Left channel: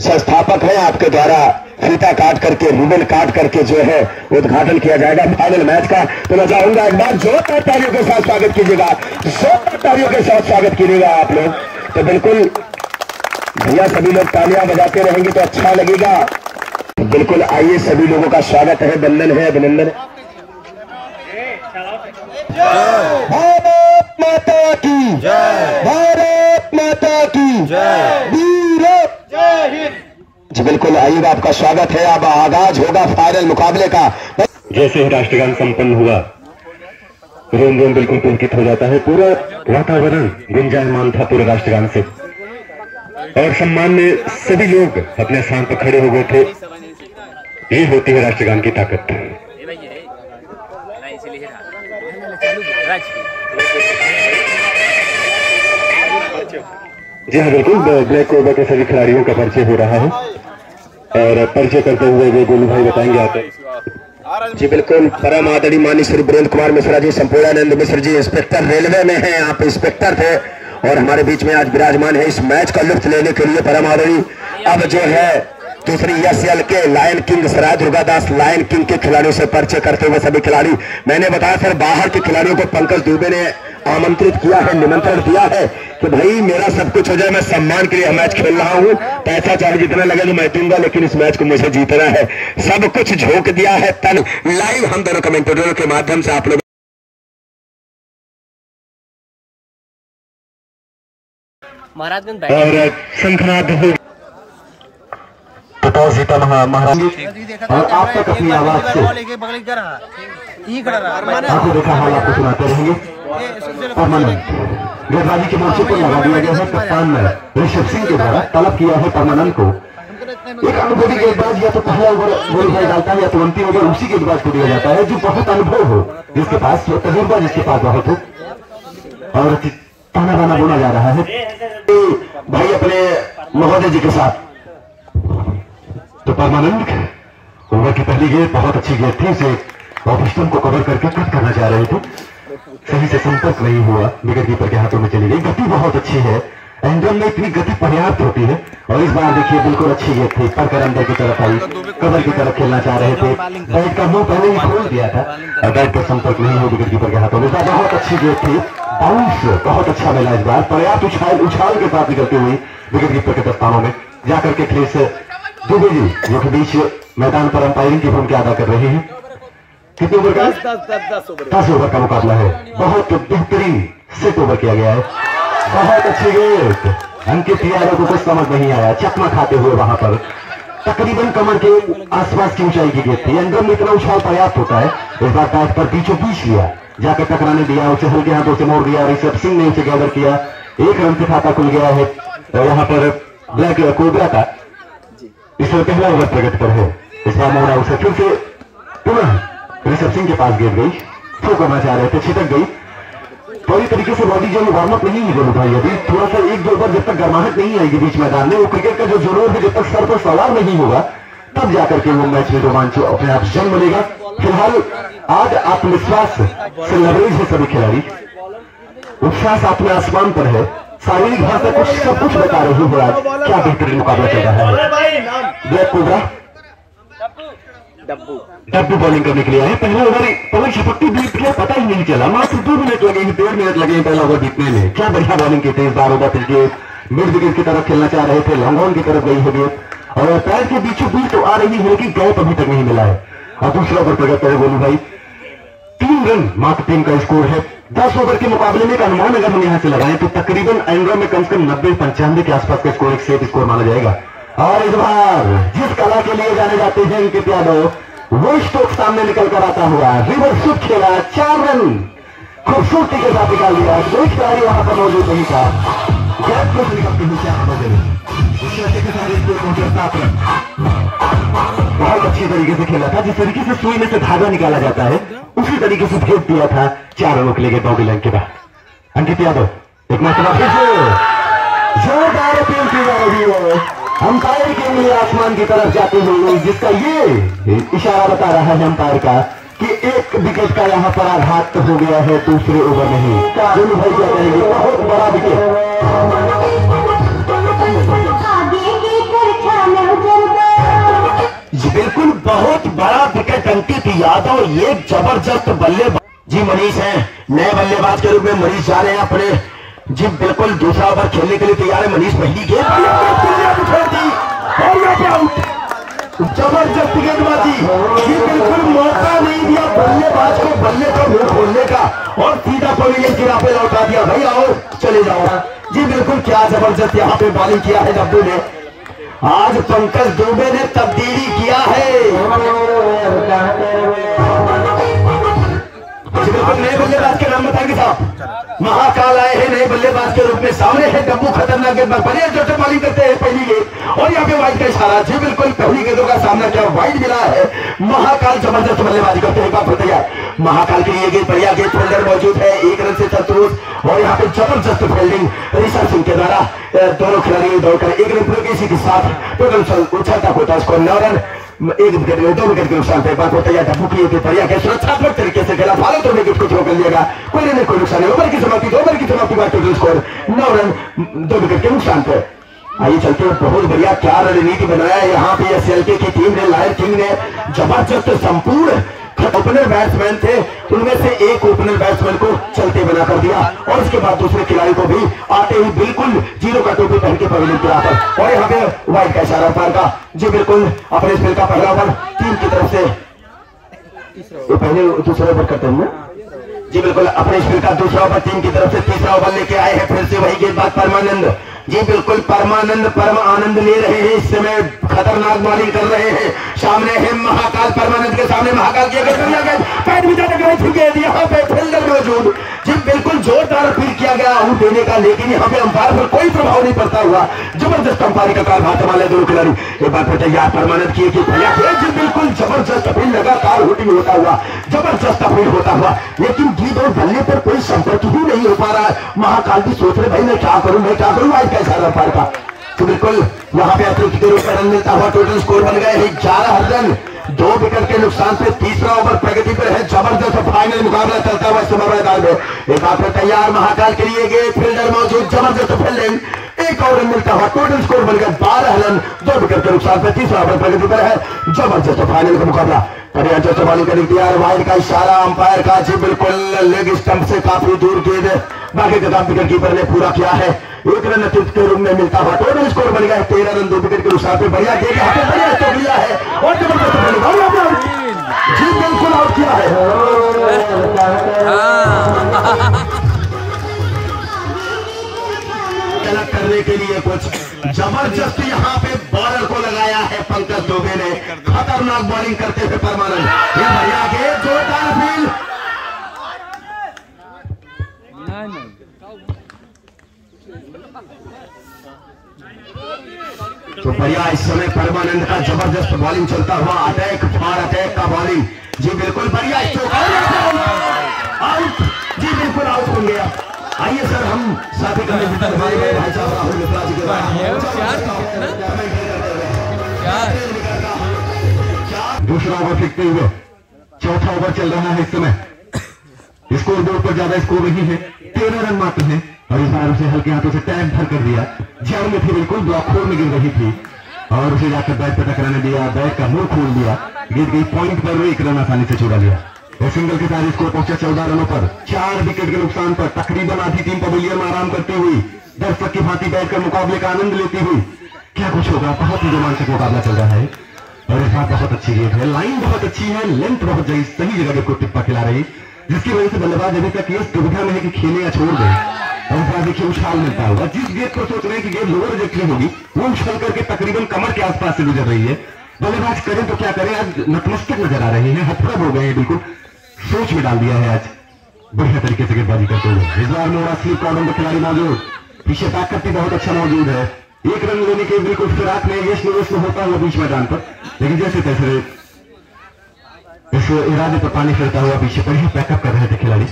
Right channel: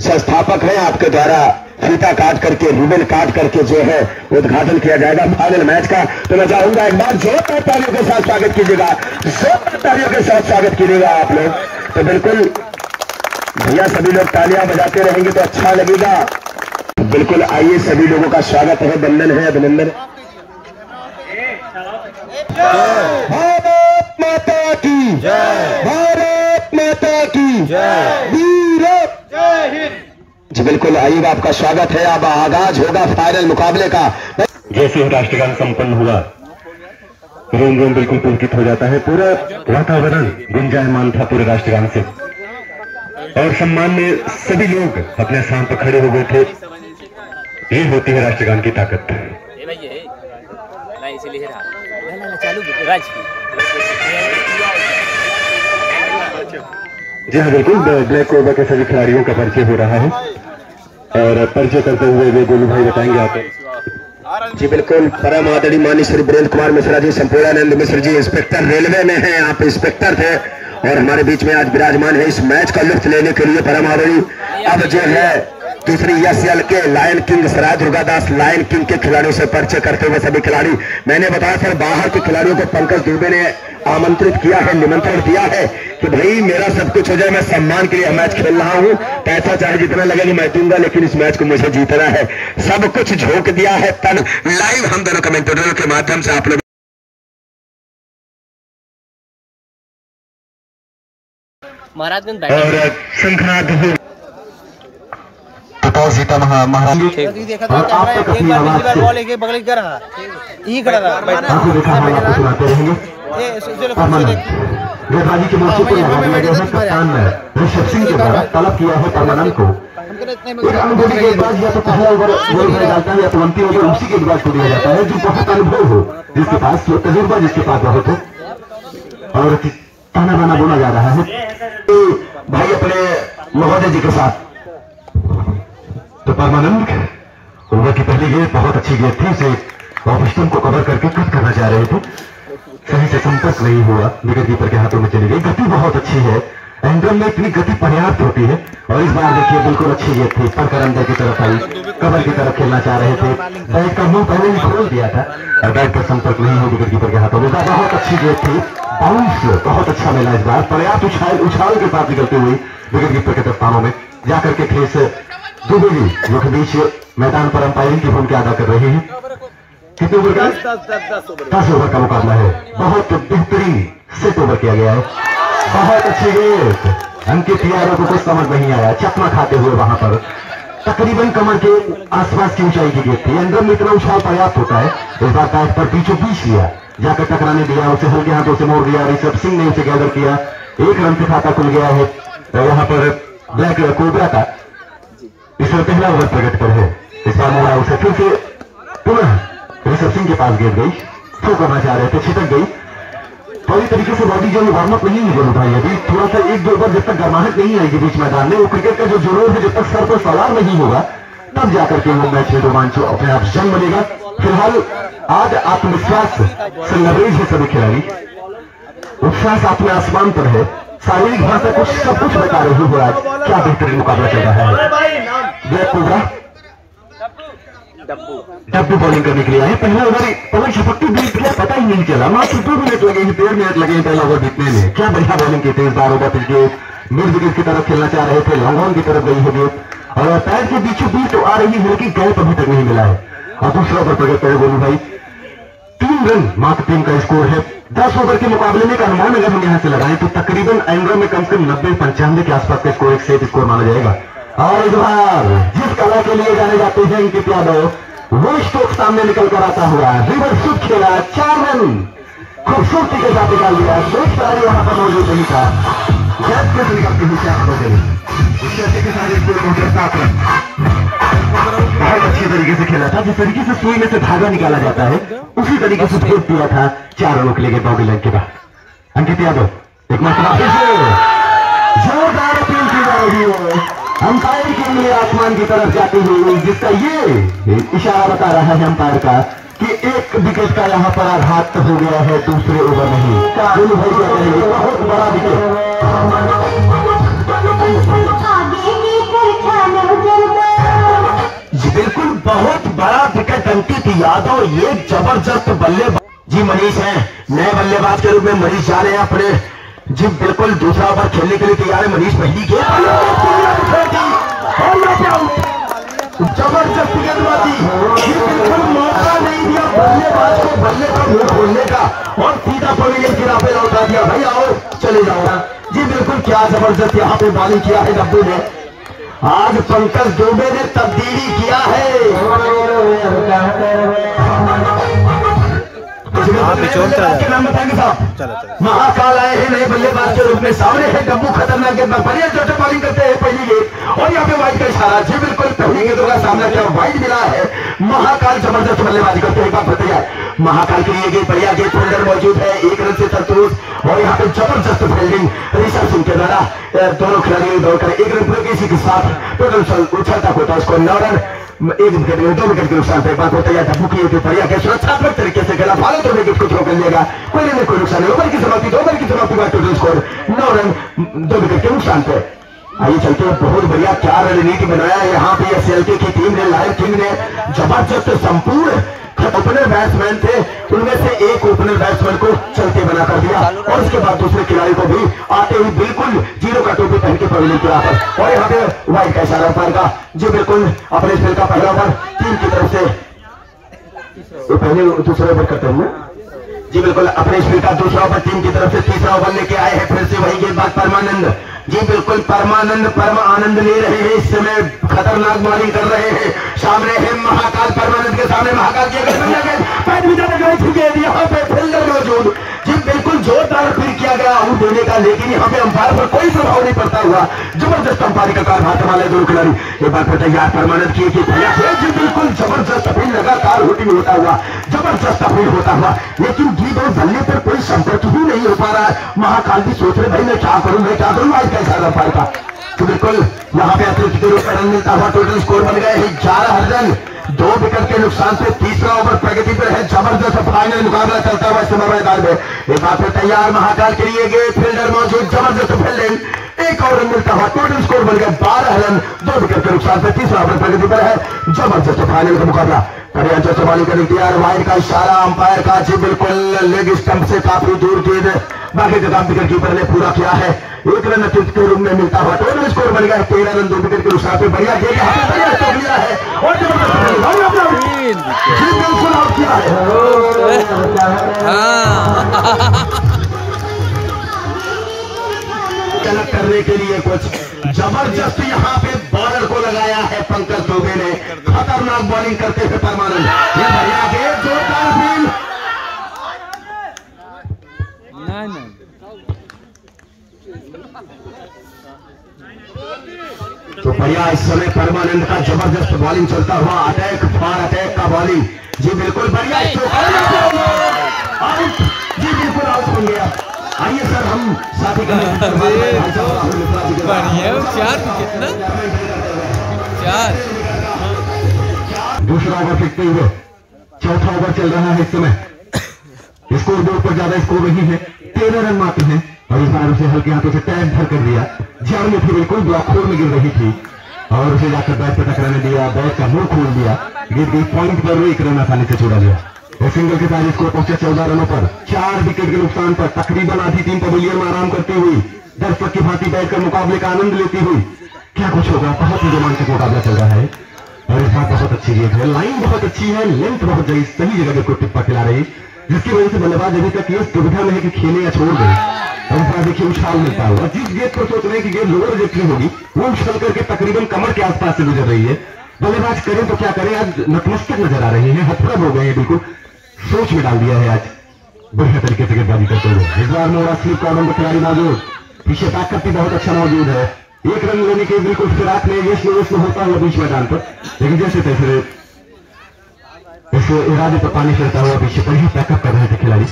संस्थापक हैं, आपके द्वारा फीता काट करके, रिबन काट करके जो है उद्घाटन किया जाएगा फाइनल मैच का। तो मैं चाहूंगा एक बार जोरदार तालियों के साथ स्वागत कीजिएगा, जोरदार तालियों के साथ स्वागत कीजिएगा आप लोग। तो बिल्कुल भैया सभी लोग तालियां बजाते रहेंगे तो अच्छा लगेगा। बिल्कुल आइए, सभी लोगों का स्वागत है, वंदन है, अभिनंदन। भारत माता की जय, भारत माता की जय, वीर जय हिंद। जी बिल्कुल आइएगा, आपका स्वागत है। अब आगाज होगा फाइनल मुकाबले का। जैसे ही राष्ट्रगान संपन्न हुआ, रोम रोम बिल्कुल पुलकित हो जाता है, पूरा वातावरण गुंजायमान था पूरे राष्ट्रगान से, और सम्मान में सभी लोग अपने स्थान पर खड़े हो गए थे। ये होती है राष्ट्रगान की ताकत। जी हाँ बिल्कुल, ब्लैक कोबरा के सभी खिलाड़ियों का परिचय हो रहा है, और परिचय करते हुए वे गोलू भाई बताएंगे आप। जी बिल्कुल, परम आदरणीय माननीय श्री वीरेंद्र कुमार मिश्रा जी, संपूर्णानंद मिश्र जी इंस्पेक्टर रेलवे में हैं, आप इंस्पेक्टर थे और हमारे बीच में आज विराजमान है इस मैच का लुत्फ लेने के लिए परम आदरणीय। अब जो है दूसरी एसएल के लायन किंग सराय दुर्गादास लायन किंग के खिलाड़ियों से परिचय करते हुए सभी खिलाड़ी, मैंने बताया सर बाहर के खिलाड़ियों को पंकज दुबे ने आमंत्रित किया है, निमंत्रण दिया है कि भाई मेरा सब कुछ हो जाए, मैं सम्मान के लिए मैच खेल रहा हूं, पैसा चाहे जितना लगे मैं दूंगा, लेकिन इस मैच को मुझे जीतना है। सब कुछ झोंक दिया है तन। लाइव हम दोनों कमेंटेटरों के माध्यम से आप लोग महाराजगंज शंखनाथ सीता महाराज सुनाते रहेंगे। गेंदबाजी के मोर्चे पर लगा दिया गया है, कप्तान ऋषभ सिंह के द्वारा तलब किया है परमानंद को। गेंदबाज या तो पहला ओवर डालता है या तो अंतिम ओवर उसी के द्वारा दिया जाता है, जो बहुत अनुभव हो जिसके पास, जो तजुर्बा जिसके पास बहुत हो, और ताना बाना बोला जा रहा है भाई अपने महोदय जी के साथ। तो परमानंद ओवर की पहली गेंद बहुत अच्छी गेंद थी, उसे ऑफिस्टम को कवर करके कट करना चाह रहे थे, सही से संपर्क नहीं हुआ, विकेट कीपर के हाथों में चली गई। गति बहुत अच्छी है, एंगल में इतनी गति पर्याप्त होती है, और इस बार देखिए बिल्कुल अच्छी गेंद थी, पर अंदर की तरफ आई, कवर की तरफ खेलना चाह रहे थे, बैट का मुंह पहले ही खोल दिया था और बैट पर संपर्क नहीं हुआ विकेट कीपर के हाथों में। बहुत अच्छी गेंद थी, बाउंस बहुत अच्छा मिला इस बार, पर्याप्त उछाल के साथ निकलते हुए विकेट कीपर के दस्तानों में जाकर के क्रिस दुबे जी जो के बीच मैदान पर अंपायरिंग की भूमिका अदा कर रहे हैं। कितने ओवर का? 10 ओवर का मुकाबला है। बहुत बेहतरीन सेट ओवर किया गया है, बहुत अच्छी गेंद। अंकित यादव को कुछ समझ नहीं आया, चकमा खाते हुए वहां पर तकरीबन कमर के आसपास की ऊंचाई की गेंद थी, अंदर में इतना उछाल पर्याप्त होता है। इस बार बैट पर बीचों बीच लिया, जाकर टकराने दिया, उसे हल्के हाथों से मोड़ दिया, ऋषभ सिंह ने उसे गैदर किया, 1 रन से खाता खुल गया है। और यहाँ पर ब्लैक कोबरा का इसमें पहला ओवर प्रगति पर है। इस बार मोड़ा उसे फिर से पुनः ऋषभ सिंह के पास गिर गई, थ्रो करना चाह रहे थे, छिटक गई। पूरी तरीके से बॉडी जो वार्म अप नहीं हुई भाई, अभी थोड़ा सा 1-2 ओवर जब तक गर्माहट नहीं आएगी बीच मैदान में, वो क्रिकेट का जो जुनून है जब तक सर पर सवार नहीं होगा तब जाकर के वो मैच में रोमांच अपने आप जन्म लेगा। फिलहाल आज आत्मविश्वास से लबरेज है सभी खिलाड़ी, उत्साह अपने आसमान पर है, शारीरिक भाषा कुछ सब कुछ बता रही है। आज क्या बेहतरीन मुकाबला चल रहा है। ब्लैक कोबरा डब्बू बॉलिंग करने के लिए आए, पहला ओवर पलक झपट्टी बीत गया, पता ही नहीं चला, मात्र 2 मिनट लगे हैं, 1.5 मिनट लगे हैं पहला ओवर बीतने में। क्या बढ़िया बॉलिंग की थी इस बार। ओवर के मिड विकेट की तरफ खेलना चाह रहे थे, लॉन्ग ऑन की तरफ गई है और पैर के बीचों बीच तो आ रही है, लेकिन गैप अभी तक नहीं मिला है। और दूसरा ओवर प्रगत है बोलू भाई, 3 रन मात्र टीम का स्कोर है। 10 ओवर के मुकाबले में का अनुमान अगर हम यहाँ से लगाएं तो तकरीबन एंगल में कम से कम 90-95 के आसपास का स्कोर, एक सेट स्कोर माना जाएगा। और इस बार जिस कला के लिए जाने जाते हैं अंकित यादव, वो स्ट्रोक सामने निकल कर आता हुआ रिवर्स स्विप खेला, 4 रन खूबसूरती के साथ निकाल दिया। कोई खिलाड़ी वहां पर मौजूद नहीं था, गैप में से निकलते हुए 4 रनों के लिए इससे के साथ स्कोर पहुंचा 7 रन। बहुत अच्छी तरीके से खेला था, जिस तरीके से सुई में से धागा निकाला जाता है उसी तरीके से फेंक दिया था 4 रनों के लिए बाउंड्री लाइन के बाद। अंकित यादव एक मात्र जोरदार अपील की जा रही है, अंपायर की उंगली आसमान की तरफ जाते हुए, जिसका ये इशारा बता रहा है अंपायर का कि 1 विकेट का यहाँ पर आघात हो गया है दूसरे ओवर में ही। गोलू भाई क्या कहेंगे? बहुत बड़ा विकेट अंकित यादव ये जबरदस्त बल्लेबाज जी मनीष है, नए बल्लेबाज के रूप में मनीष जा रहे हैं अपने जी बिल्कुल दूसरा ओवर खेलने के लिए तैयार है मनीष। पहली गेंद जबरदस्त गेंदबाजी, ये बिल्कुल मौका नहीं दिया बल्लेबाज को बल्ले का मुंह खोलने का और सीधा पड़ेंगे सिरा पे लौटा दिया भैया और चले जाओ जी। बिल्कुल क्या जबरदस्त यहाँ पे बॉलिंग किया है डब्बू ने। आज पंकज दुबे ने तब्दीली किया है। के नाम बताएंगे साहब, महाकाल आए हैं नए बल्लेबाज के रूप में। सामने है डब्बू खतरनाक गेंदबाज, बढ़िया जो बॉलिंग करते हैं पहली गेंद और यहाँ पे वाइड का इशारा जी। बिल्कुल पहली गेंदों का सामना किया, वाइड मिला है। महाकाल जबरदस्त बल्लेबाजी करते हैं, एक बार फिर तैयार महाकाल के लिए गेंद बढ़िया गेंद फील्डर मौजूद है, एक रन से संतोष और यहाँ पे जबरदस्त फील्डिंग ऋषभ सिंह के द्वारा। दोनों खिलाड़ियों दौड़ कर एक रन पूरे इसी के साथ टोटल उछलता होता है उसको 9 रन 1 विकेट 2 विकेट के नुकसान पे बात होता है। डब्बू की बढ़िया के सुरक्षात्मक तरीके से खेला, फॉलो तो विकेट कुछ रोक लिएगा, कोई नहीं कोई नुकसान नहीं। ओवर की समाप्ति 2 ओवर की समाप्ति का टोटल स्कोर 9 रन 2 विकेट के नुकसान पे। आइए चलते हैं, बहुत बढ़िया क्या रणनीति बनाया यहाँ पे एसएलके की टीम ने, लायन किंग ने जबरदस्त संपूर्ण ओपनर बैट्समैन थे उनमें से एक ओपनर बैट्समैन को चलते बना कर दिया और उसके बाद दूसरे खिलाड़ी को भी आते हुए बिल्कुल जीरो का टोपी पहन के पवेलियन के वापस और यहाँ पे वाइड का इशारा पार का जी। बिल्कुल अपने स्पेल का पहला ओवर टीम की तरफ से तो पहले दूसरा ओवर करते हैं जी। बिल्कुल अपने स्पेल का दूसरा ओवर टीम की तरफ से तीसरा ओवर लेके आए हैं फिर से वही गेंदबाज परमानंद जी। बिल्कुल परमानंद ले रहे हैं, इस समय खतरनाक बॉलिंग कर रहे हैं। सामने है महाकाल, परमानंद के सामने महाकाल के पैर में जाकर गई थी गेंद, यहाँ पे फील्डर मौजूद जी। बिल्कुल जोरदार अपील किया गया आउट देने का, लेकिन यहाँ पे अंपायर पर कोई प्रभाव नहीं पड़ता हुआ जबरदस्त अंपायरिंग का कारभार संभाले दोनों खिलाड़ी। एक बार फिर तैयार परमानंद की जी। बिल्कुल जबरदस्त अपील, लगातार हुटिंग होता हुआ जबरदस्त अपील होता हुआ, लेकिन जी दो बल्ले पर कोई संपर्क ही नहीं हो पा रहा है। महाकाल भी सोच रहे भाई मैं क्या करूं कैसा अंपायर था। तो बिल्कुल यहाँ पे अतिरिक्त के रूप में रन मिलता हुआ टोटल स्कोर बन गए हैं 11 रन 2 विकेट के नुकसान पे। तीसरा ओवर प्रगति पर है, जबरदस्त फाइनल मुकाबला चलता हुआ समय मैदान में। एक बार फिर तैयार महाकाल के लिए गेंद फील्डर मौजूद, जबरदस्त फील्डिंग, एक और रन मिलता हुआ टोटल स्कोर बन गया 12 रन 2 विकेट के नुकसान पे। तीसरा ओवर प्रगति पर है, जबरदस्त फाइनल का मुकाबला। बॉलिंग करने तैयार, वाइड का इशारा अंपायर का जी। बिल्कुल लेग स्टंप से काफी दूर गेंद, बाकी का काम विकेट कीपर ने पूरा किया है। 1 रन अतिरिक्त के रूप में मिलता हुआ टोटल स्कोर बन गया 13 रन 2 विकेट के नुकसान पे। बढ़िया गेंद यहाँ पे बढ़िया स्टेप लिया है और जी बिल्कुल आउट किया है। गलत करने के लिए कुछ जबरदस्त यहाँ पे बॉलर को लगाया है पंकज दुबे ने, खतरनाक बॉलिंग करते हुए परमानंद। ये बढ़िया गेंद, जोरदार फील्ड, तो बढ़िया इस समय परमानंद का जबरदस्त बॉलिंग चलता हुआ, अटैक फार अटैक का बॉलिंग जी। बिल्कुल बढ़िया आउट जी, बिल्कुल आउट बन गया। आइए सर हम साथी का दूसरा ओवर फेंकते हुए चौथा ओवर चल रहा है इस समय। स्कोर बोर्ड पर ज्यादा स्कोर नहीं है, 13 रन मात्र है और इस बार उसे हल्के हाथों से टैग भर कर दिया। जड़ में थी, बिल्कुल ब्लॉक होल में गिर रही थी और उसे जाकर बैट पर टकराने दिया, बैट का मुंह खोल दिया, गिर गई पॉइंट पर 1 रन आसानी से छुड़ा लिया। सिंगल के साथ स्कोर पहुंचा 14 रनों पर 4 विकेट के नुकसान पर। तकरीबन आधी टीम पवेलियन में आराम करती हुई दर्शक की भांति बैठकर मुकाबले का आनंद लेती हुई, क्या कुछ होगा, बहुत ही रोमांचक मुकाबला चल रहा है और इस बार बहुत अच्छी गेंद है, लाइन बहुत अच्छी है, लेंथ बहुत सही जगह को टिप्पा खिला रही, जिसकी वजह से बल्लेबाज अभी तक इस दुविधा में है कि खेले या छोड़ दे। और इस बार देखिए उछाल मिलता हुआ, जिस गेंद पर सोच रहे हैं कि गेंद लोअर देखनी होगी वो उछल करके तकरीबन कमर के आसपास से गुजर रही है। बल्लेबाज करें तो क्या करें, आज नतमस्तक नजर आ रहे हैं, हथरम हो गए हैं, बिल्कुल सोच में डाल दिया है आज बढ़िया तरीके से गेंदबाजी करते हुए। इस बार मोड़ा स्लिप कॉर्नर का खिलाड़ी मौजूद, पीछे बैकअप भी बहुत अच्छा मौजूद है। 1 रन लेने के बिल्कुल फिराक में यश होता हुआ बीच मैदान पर, लेकिन जैसे तैसे इस इरादे पर पानी फिरता हुआ पीछे बढ़िया बैकअप कर रहे थे खिलाड़ी।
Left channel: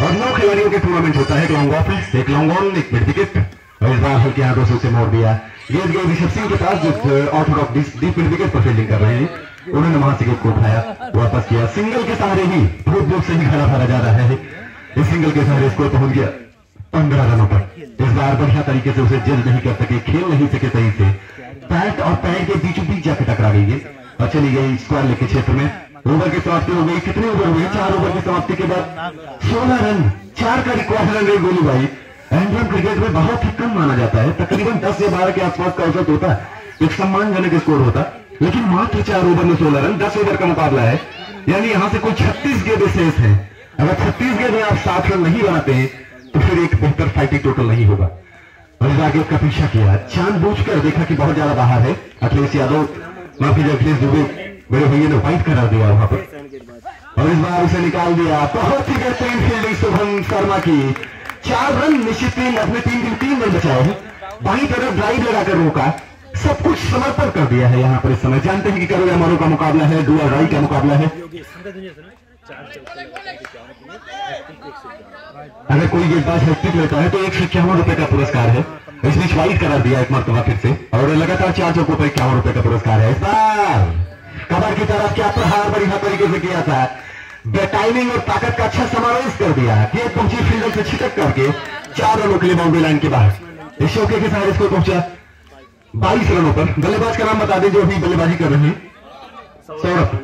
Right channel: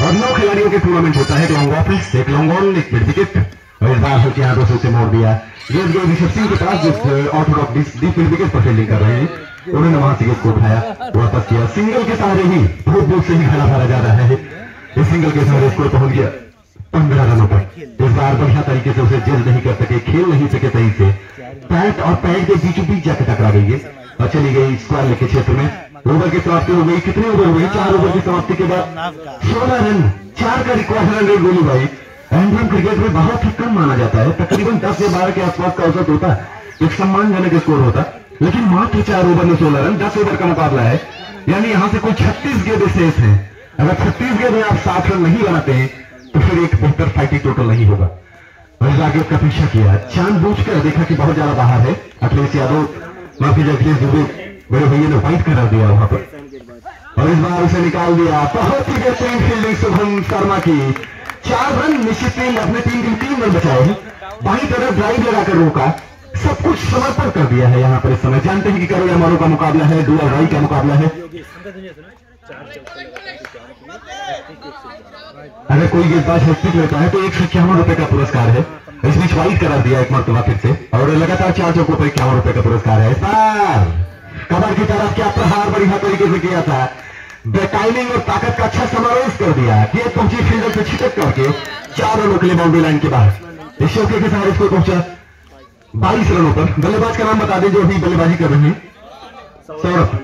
और 9 खिलाड़ियों के टूर्नामेंट होता है, एक लॉन्ग ऑफ, एक लॉन्ग ऑन, एक मिड विकेट और इस बार हल्के हाथों से उसे मोड़ दिया। गेंद गई ऋषभ सिंह के पास, ऑर्थोडॉक्स डीप मिड विकेट पर फील्डिंग कर रहे हैं, उन्होंने वहां से गेंद को उठाया, वापस किया। सिंगल के सहारे ही बहुत दूर से ही खेला भरा जा रहा है। इस सिंगल के सहारे स्कोर पहुंच गया 15 रनों पर। इस बार बढ़िया तरीके से उसे जेल नहीं कर सके, खेल नहीं सके सही से, पैट और पैड के बीचों बीच जाकर टकरा गई है और चली गई स्क्वायर लेग के क्षेत्र में। ओवर की समाप्ति हो गई। कितने ओवर हुए? 4 ओवर की समाप्ति के बाद 16 रन, 4 का रिकॉर्ड रन रेट गोलू भाई इंडियन क्रिकेट में बहुत ही कम माना जाता है। तकरीबन 10 या 12 के आसपास का औसत होता है, एक सम्मानजनक स्कोर होता है, लेकिन मात्र 4 ओवर में 16 रन। 10 ओवर का मुकाबला है, यानी यहाँ से कोई 36 गेंद शेष है। अगर 36 गेंद में आप 60 रन नहीं बनाते हैं तो फिर एक बेहतर फाइटिंग टोटल नहीं होगा। और आगे का पीछा किया, जानबूझकर देखा कि बहुत ज्यादा बाहर है। अखिलेश यादव, माफी अखिलेश दुबे बड़े भैया ने फाइट करा दिया वहां पर, और इस बार उसे निकाल दिया। बहुत ही बेहतरीन फील्डिंग शुभम शर्मा की। 4 रन निश्चित टीम अपने टीम के 3 रन बचाए हैं। बाई तरफ ड्राइव लगाकर रोका, सब कुछ समर्पण कर दिया है यहाँ पर। इस समय जानते हैं कि करो या मारो का मुकाबला है, डू और डाई का मुकाबला है। अगर कोई गेंदबाज हैट्रिक लेता है तो 151 रुपए का पुरस्कार है। इस बीच वाइड करा दिया एक मरतबा फिर से, और लगातार 4 चौकों पर 51 रुपए का पुरस्कार है। इस बार कबर की तरफ क्या प्रहार बढ़िया तरीके से किया था, टाइमिंग और ताकत का अच्छा समावेश कर दिया। गेंद पहुंची फील्डर से छिटक करके 4 रनों के लिए बाउंड्री लाइन के बाहर। इस चौके के साथ स्कोर पहुंचा 22 रनों पर। बल्लेबाज का नाम बता दें जो अभी बल्लेबाजी कर रहे हैं, सौरभ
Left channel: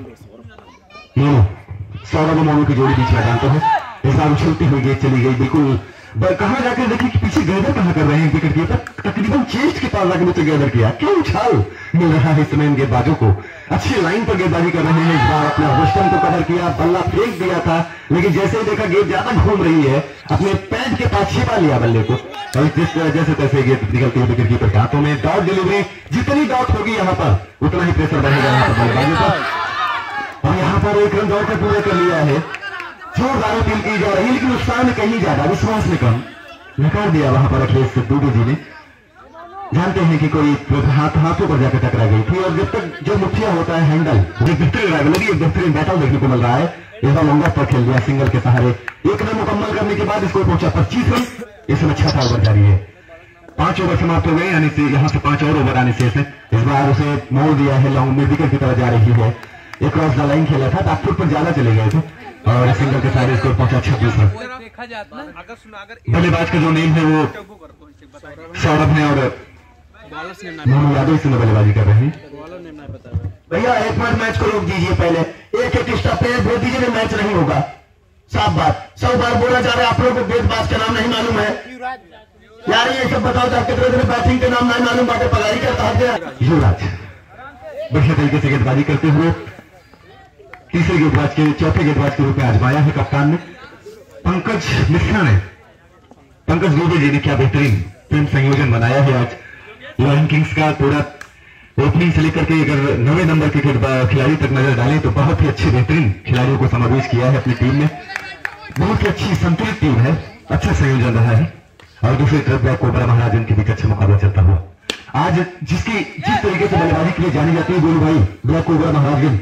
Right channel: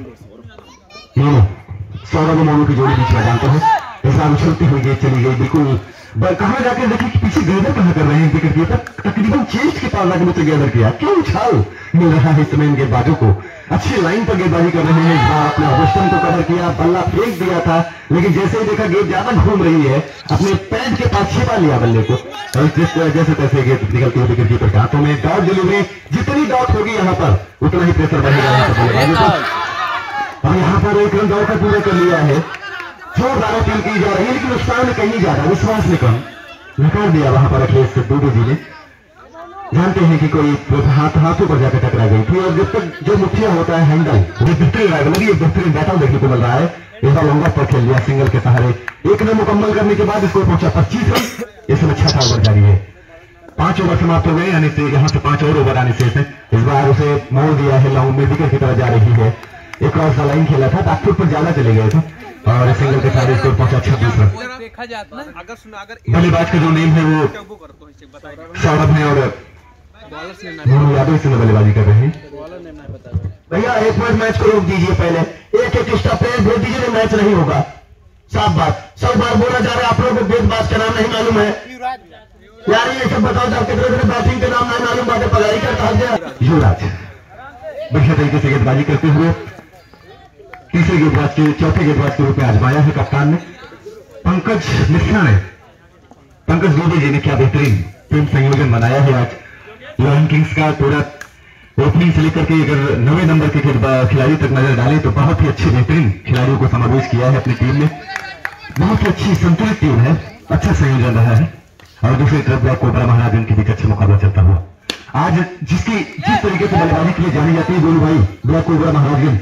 मोनू। सौरभ मोनू की जोड़ी बीच में जानते हैं। इस बार उछलती हुई गेंद चली गई बिल्कुल। कहां जाकर देखिए कि पीछे गैदर कहां कर रहे हैं विकेट कीपर, तकरीबन चेस्ट के पास जाकर गैदर किया। क्यों उछाल मिल रहा है इस समय गेंदबाजों को, अच्छी लाइन पर गेंदबाजी कर रहे हैं। इस बार अपने वेस्टर्न को कवर किया, बल्ला फेंक दिया था, लेकिन जैसे ही देखा गेंद ज्यादा घूम रही है, अपने पैंट के पास छिपा लिया बल्ले को, और जैसे तैसे गेंद निकलती है विकेट कीपर के हाथों में। डॉट डिलीवरी, जितनी डॉट होगी यहाँ पर उतना ही प्रेशर बढ़ेगा। और यहाँ पर एक रन डॉट पूरा कर लिया है, जो बारह फील की जा रही है, लेकिन नुकसान कहीं ज्यादा, विश्वास में कम नकार दिया वहां पर अखिलेश दुबे जी ने। जानते हैं कि कोई हाथों पर जाकर टकरा गई थी, और जब तक जो मुखिया होता है हैंडल, वो बेहतरीन लगी, बेहतरीन बैटल देखने को मिल रहा है। इस बार लंबा पर खेल लिया सिंगल के सहारे। एक रन मुकम्मल करने के बाद स्कोर पहुंचा 25 रन। इसमें 6 टारगेट जारी है। 5 ओवर समाप्त हो गए, यानी से यहाँ से 5 और ओवर आने से इस बार उसे मोड़ दिया है। लाउंड में विकेट की तरफ जा रही है। एक क्रॉस द लाइन खेला था, बैकफुट पर ज्यादा चले गए थे, और सिंगल के साथ स्कोर पहुंचा 26 रन। बल्लेबाज का जो नेम है वो सौरभ है, और मोनू यादव से बल्लेबाजी कर रहे हैं। भैया एक मिनट मैच को रोक दीजिए, पहले एक एक्स्ट्रा प्लेयर भेज दीजिए, मैच नहीं होगा। साफ बात, 100 बार बोला जा रहा है। आप लोगों को गेंदबाज का नाम नहीं मालूम है यार, ये सब बताओ। आप कितने बैटिंग के नाम नहीं मालूम, बाकी पगारी करता है। युवराज बढ़िया तरीके से गेंदबाजी करते हुए तीसरे गेंदबाज के चौथे गेंदबाज के रूप में आजमाया है कप्तान ने। पंकज मिश्रा ने, पंकज दुबे जी ने क्या बेहतरीन टीम संयोजन बनाया है आज। लॉयन किंग्स का पूरा ओपनिंग से लेकर के अगर 9वें नंबर के खिलाड़ी तक नजर डालें तो बहुत ही अच्छे बेहतरीन खिलाड़ियों को समावेश किया है अपनी टीम में। बहुत ही अच्छी संतुलित टीम है, अच्छा संयोजन रहा है। और दूसरी तरफ ब्लैक कोबरा महाराजन के बीच अच्छा मुकाबला चलता हुआ आज जिस तरीके से बल्लेबाजी के लिए जानी जाती है गोलू भाई, ब्लैक कोबरा महाराजन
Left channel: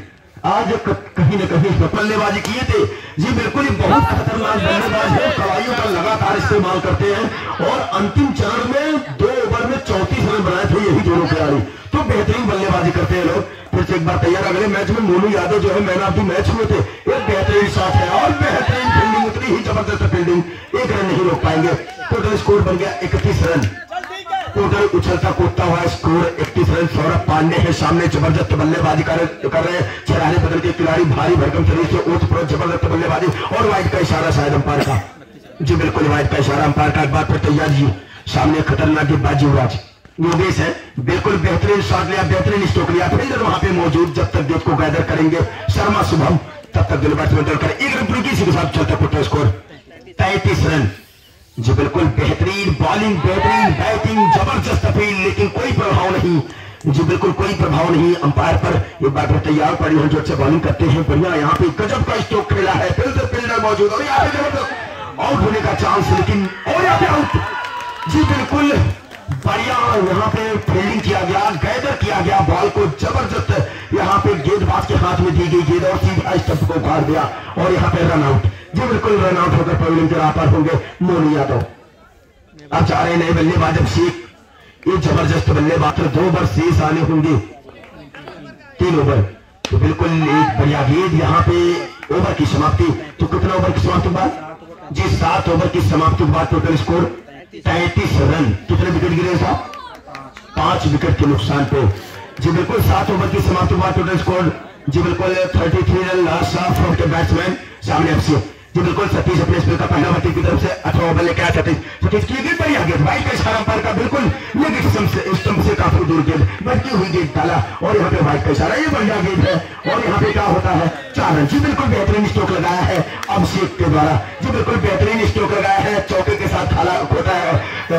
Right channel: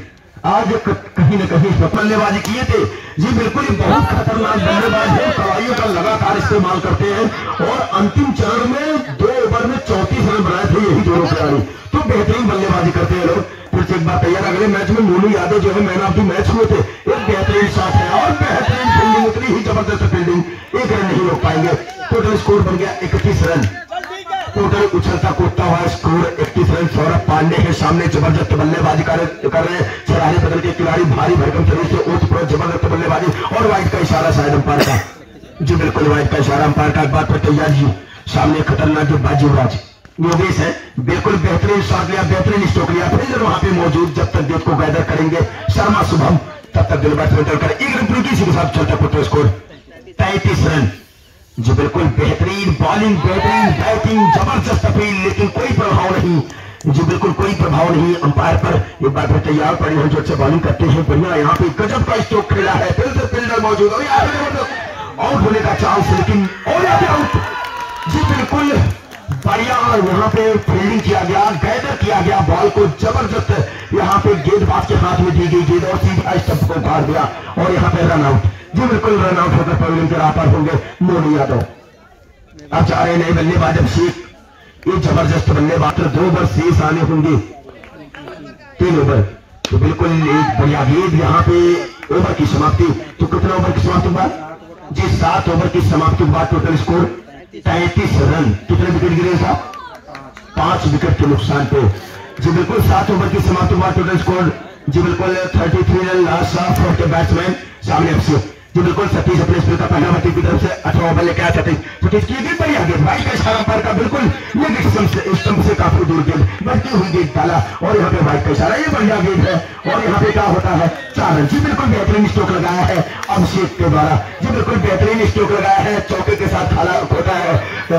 आज कहीं न कहीं बल्लेबाजी किए थे जी। बिल्कुल बहुत खतरनाक बल्लेबाज है, कवाइयों का लगातार इस्तेमाल करते हैं, और अंतिम चरण में 2 ओवर में 34 रन बनाए थे यही दोनों खिलाड़ी। तो बेहतरीन बल्लेबाजी करते हैं लोग। फिर से एक बार तैयार, अगले मैच में मोनू यादव जो है मैन ऑफ द मैच हुए थे। एक बेहतरीन शॉट है और बेहतरीन फील्डिंग, उतनी ही जबरदस्त फील्डिंग, 1 रन नहीं रोक पाएंगे। टोटल स्कोर बन गया 31 रन। टोटल उछलता कूदता हुआ स्कोर 31 रन। सौरभ पांडे है सामने, जबरदस्त बल्लेबाजी कर रहे हैं। चौराहे बदल के खिलाड़ी भारी भरकम शरीर से ओत प्रोत जबरदस्त बल्लेबाजी, और वाइड का इशारा शायद अंपायर का जी, बिल्कुल वाइड का इशारा अंपायर का। एक बात पर तैयार जी, सामने खतरनाक गेंदबाज युवराज योगेश है, बिल्कुल बेहतरीन शॉट लिया, बेहतरीन स्ट्रोक लिया। फील्डर वहां पे मौजूद, जब तक गेंद को गैदर करेंगे शर्मा शुभम, तब तक दिल बैट्समैन कर 1 रन पूरी के साथ चलता टोटल स्कोर 33 रन। जो बिल्कुल बेहतरीन बॉलिंग, बेहतरीन बैटिंग, जबरदस्त अपील, लेकिन कोई प्रभाव नहीं जो, बिल्कुल कोई प्रभाव नहीं अंपायर पर। एक बार फिर तैयार पड़ी है, जो अच्छे बॉलिंग करते हैं, बढ़िया यहाँ पे गजब का स्ट्रोक खेला है। फिर से फील्डर मौजूद, और आउट होने का चांस, लेकिन और यहाँ पे आउट जी। बिल्कुल बढ़िया यहाँ पे फील्डिंग किया गया, गैदर किया गया बॉल को, जबरदस्त यहाँ पे गेंदबाज के हाथ में दी गई गेंद, और सीधा स्टंप को उतार दिया, और यहाँ पे रन आउट जी। बिल्कुल रन आउट होकर पवेलियन के राह पर होंगे मोनू यादव। अब जा रहे नए बल्लेबाज, अब शेख, ये जबरदस्त बल्लेबाज, 2 ओवर शेष आने होंगे, 3 ओवर। तो बिल्कुल एक बढ़िया गेंद यहाँ पे। ओवर की समाप्ति, तो कितना ओवर की समाप्ति के बाद जी? 7 ओवर की समाप्ति के बाद टोटल स्कोर 33 रन। कितने विकेट गिरे साहब? 5 विकेट के नुकसान पे जी। बिल्कुल 7 ओवर की समाप्ति के बाद टोटल स्कोर जी बिल्कुल 33 रन लास्ट फॉर के बैट्समैन सामने एफसी। जी बिल्कुल सतीश अपने स्पिन का पहला बत्ती की तरफ से 18 ओवर लेके आया सतीश की गेंद बढ़िया गेंद भाई का इशारा पैर का बिल्कुल लेग स्टंप से काफी दूर गेंद बढ़ती हुई गेंद डाला और यहाँ पे भाई का इशारा ये बढ़िया गेंद है और यहाँ पे क्या होता है 4 रन। जी बिल्कुल बेहतरीन स्ट्रोक लगाया है अभिषेक के द्वारा। जी बिल्कुल बेहतरीन स्ट्रोक लगाया है चौके के साथ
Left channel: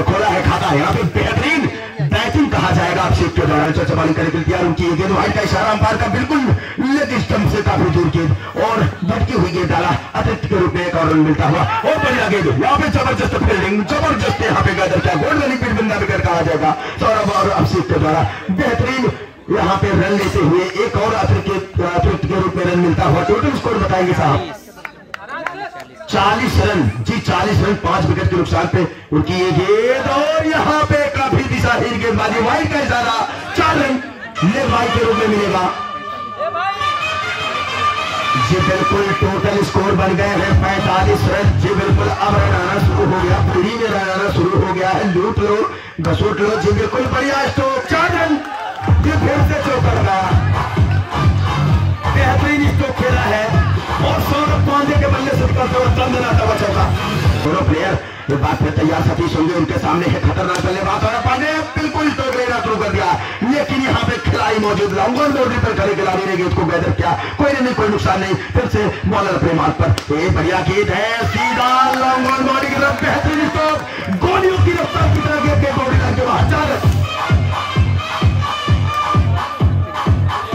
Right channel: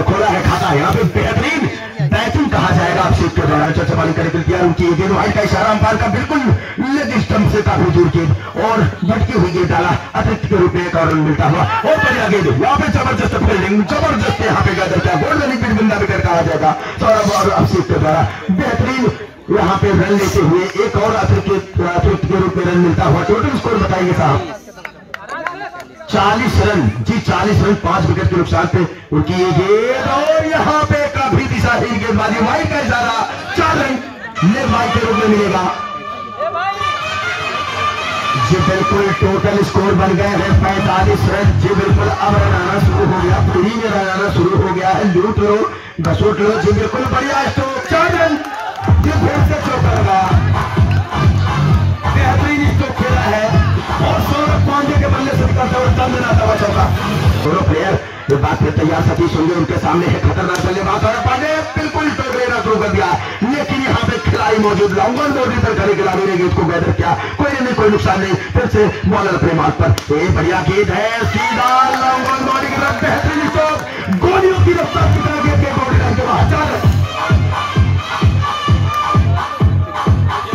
खोला है खाता है यहाँ पे बेहतरीन बैटिंग कहा जाएगा अभिषेक के द्वारा। चौचमाली करने के लिए उनकी गेंद भाई का इशारा अंपायर का बिल्कुल लेग स्टंप से काफी दूर गेंद और बढ़ती हुई गेंद डाला अतिरिक्त के रूप में एक और रन मिलता हुआ और बढ़िया गेंद यहाँ पे जबरदस्त फील्डिंग जबरदस्त यहाँ पे गदर क्या गोल्डन पिच बंदा विकेट कहा जाएगा सौरभ और अभिषेक के द्वारा। बेहतरीन यहाँ पे रन लेते हुए एक और अतिरिक्त के रूप में रन मिलता हुआ। टोटल स्कोर बताएंगे साहब 40 रन। जी 40 रन 5 विकेट के नुकसान पे उनकी ये गेंद और यहाँ पे काफी दिशाहीन गेंदबाजी भाई का इशारा 4 रन ले भाई के रूप में मिलेगा। जी बिल्कुल टोटल स्कोर बन गए हैं 45 रन। जी बिल्कुल अब रन आना शुरू हो गया फ्री में रन आना शुरू हो गया है लूट लो घसोट लो। जी बिल्कुल बढ़िया स्ट्रोक 4 रन। जी फिर से चौका लगा बेहतरीन स्ट्रोक खेला है और सौरभ पांडे के बल्ले से निकलता हुआ चल देना था चौका। दोनों प्लेयर जो बात में तैयार सतीश होंगे उनके सामने है खतरनाक बल्लेबाज और पांडे बिल्कुल टोक लेना शुरू कर दिया लेकिन यहाँ पे खिलाड़ी मौजूद लॉन्ग ऑन बाउंड्री पर खड़े खिलाड़ी ने गेंद को गैदर किया कोई नुकसान नहीं। फिर से बॉलर अपने मार्ग पर एक बढ़िया गेंद है सीधा लॉन्ग ऑन बाउंड्री की तरफ बेहतरीन स्ट्रोक गोलियों की रफ्तार की तरह गेंद के बाउंड्री लाइन के बाहर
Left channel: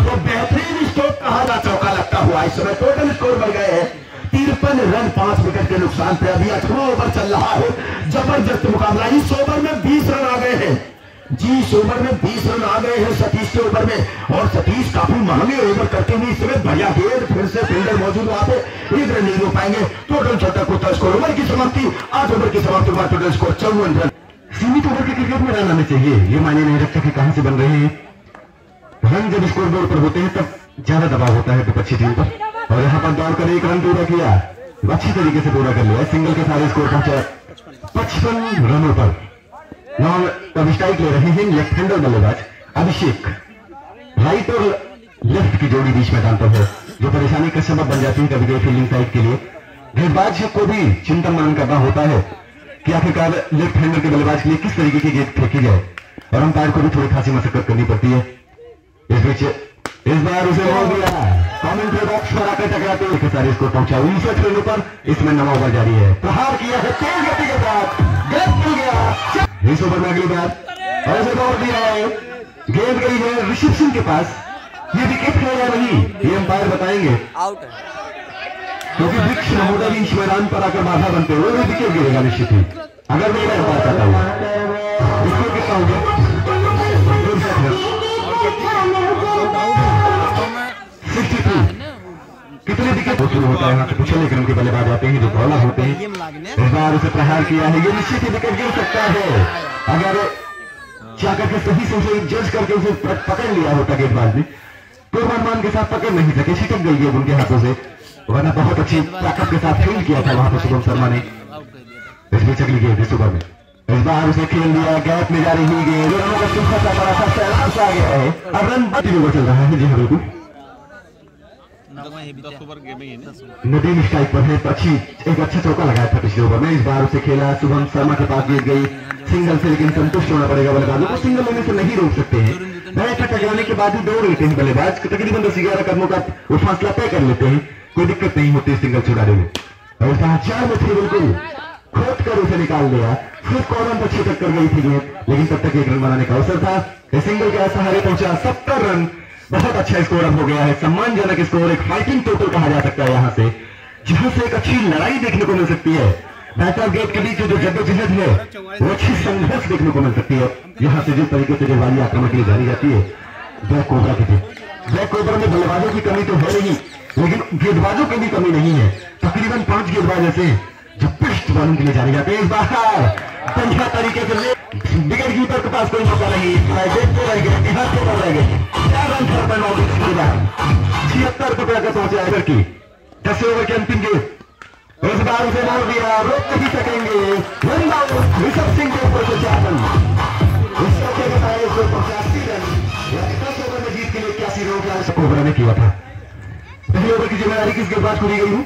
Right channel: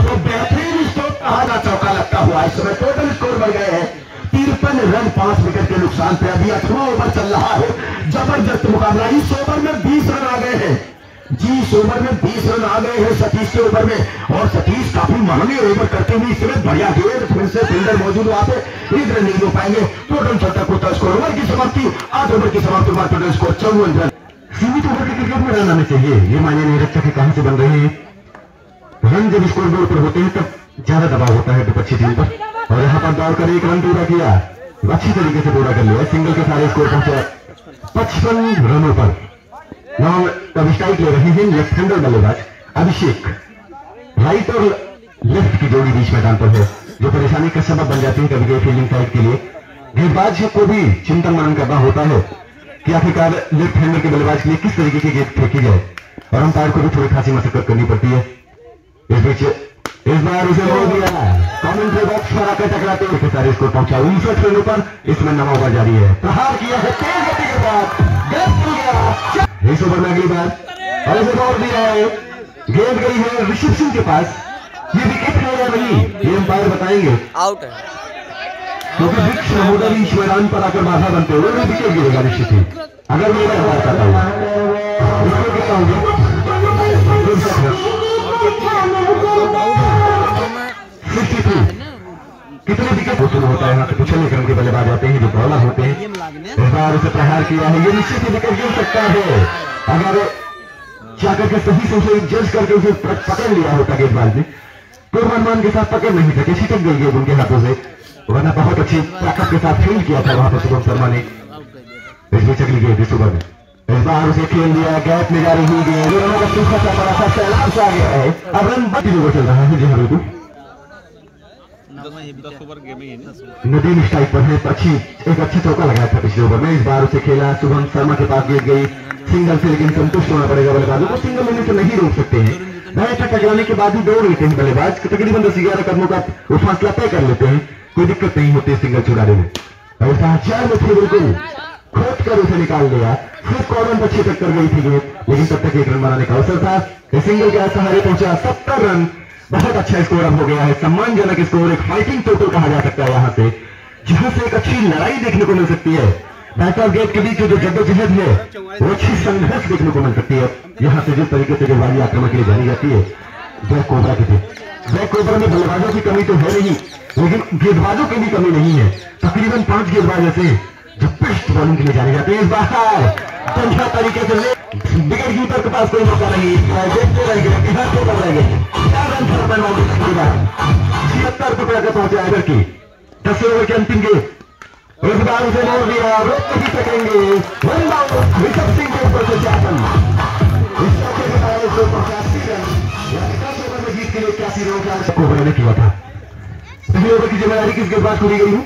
तो बेहतरीन स्ट्रोक कहा जा चौका लगता हुआ। इस समय टोटल स्कोर बढ़ गए हैं 53 रन 5 विकेट के नुकसान पे अभी 18 ओवर चल रहा है जबरदस्त मुकाबला। इस ओवर में 20 रन आ गए हैं। जी इस ओवर में 20 रन आ गए हैं सतीश के ओवर में और सतीश काफी महंगे ओवर करते हुए इस समय बढ़िया गेंद फिर से फील्डर मौजूद वहां पे 1 रन नहीं हो पाएंगे। टोटल 76 स्कोर ओवर की समाप्ति 8 ओवर की समाप्ति बाद टोटल स्कोर 54 रन। सीमित ओवर के क्रिकेट में रन आने चाहिए ये मायने नहीं रखता कि कहां से बन रहे हैं रन। जब स्कोर बोर्ड पर होते हैं तब ज्यादा दबाव होता है विपक्षी टीम पर और यहाँ पर दौड़कर 1 रन पूरा किया अच्छी तरीके से पूरा कर लिया सिंगल के सारे स्कोर पहुंचा 55 रनों पर। अब स्ट्राइक ले रहे हैं लेफ्ट हैंडर बल्लेबाज अभिषेक। राइट और लेफ्ट की जोड़ी बीच मैदान पर है जो परेशानी का सबब बन जाती है कभी कभी फील्डिंग साइड के लिए। गेंदबाज को भी चिंतन मनन करना होता है कि आखिरकार लेफ्ट हैंडर के बल्लेबाज के लिए किस तरीके की गेंद फेंकी जाए और अंपायर को भी थोड़ी खासी मशक्कत करनी पड़ती है। इस बीच इस बार उसे ले दिया कमेंट्री बॉक्स पर आकर टकराते हुए सारे स्कोर पहुंचा 59 रनों पर। इसमें 9 ओवर जारी है प्रहार किया है तेज गति के साथ गेंद हो गया इस ओवर में अगली बार और दिया है गेंद गई है ऋषभ सिंह के पास। ये विकेट है या नहीं ये अंपायर बताएंगे आउट है क्योंकि वृक्ष महोदय इस मैदान पर आकर बाधा बनते हुए विकेट गिरेगा निश्चित ही अगर मेरा बताता है इसको क्या हो गया 63 कितने विकेट शुरू होता है यहाँ से पिछले क्रम के बल्लेबाज आते हैं जो बॉलर होते हैं। इस बार उसे प्रहार किया है ये निश्चित ही विकेट गिर सकता है अगर जाकर के सही से जज करके उसे पकड़ लिया होता गेंदबाज ने पूर्वानुमान के साथ पकड़ नहीं सके छिटक गई गेंद उनके हाथों से वरना बहुत अच्छी ताकत के साथ फील्ड किया था वहां पर शुभम शर्मा ने। इस बीच अगली गेंद इस ओवर में इस बार उसे खेल लिया गैप में जा रही गेंद आ गया है अब रन 32 ओवर चल रहा है। जी हाँ बिल्कुल नदीम स्ट्राइक पर है पक्षी एक अच्छा चौका लगाया था पिछले ओवर में। इस बार उसे खेला शुभम शर्मा के पास गेंद गई सिंगल से लेकिन संतुष्ट होना पड़ेगा बल्लेबाजों को सिंगल लेने से नहीं रोक सकते हैं। टकराने के बाद भी दौड़ लेते हैं बल्लेबाज तकरीबन 10-11 कदमों का वो फासला तय कर लेते हैं कोई दिक्कत नहीं होती सिंगल छुड़ाने में। चार में थे बिल्कुल खोद कर उसे निकाल लिया फिर कॉर्नर अच्छी टक्कर गई थी लेकिन तब तक 1 रन बनाने का अवसर था। सिंगल के सहारे पहुंचा 70 रन बहुत अच्छा स्कोर अब हो गया है सम्मानजनक स्कोर एक फाइटिंग टोटल कहा जा सकता है यहाँ से जहां से एक अच्छी लड़ाई देखने को मिल सकती है। बैक और गेट के बीच जो जद्दोजहद है वो अच्छी संघर्ष देखने को मिल सकती है। यहाँ से जिस तरीके से गेंदबाजी आक्रमण के लिए जानी जाती है ब्लैक कोबरा की थी ब्लैक कोबरा में बल्लेबाजों की कमी तो है नहीं लेकिन गेंदबाजों की भी कमी नहीं है। तकरीबन 5 गेंदबाज ऐसे जो बेस्ट बॉलिंग के लिए जाने जाते हैं। इस बार बढ़िया तरीके से विकेट कीपर के पास कोई मौका नहीं देखते रहेंगे 76 रुपए का पहुंचा एवर की 10 ओवर के अंतिम गेंद इस बार उसे नहीं दिया रोक नहीं सकेंगे ऋषभ सिंह के ऊपर से 4 रन जीत के लिए 81 रन कोबरा ने किया था जिम्मेदारी किस गेंदबाज को दी गई है?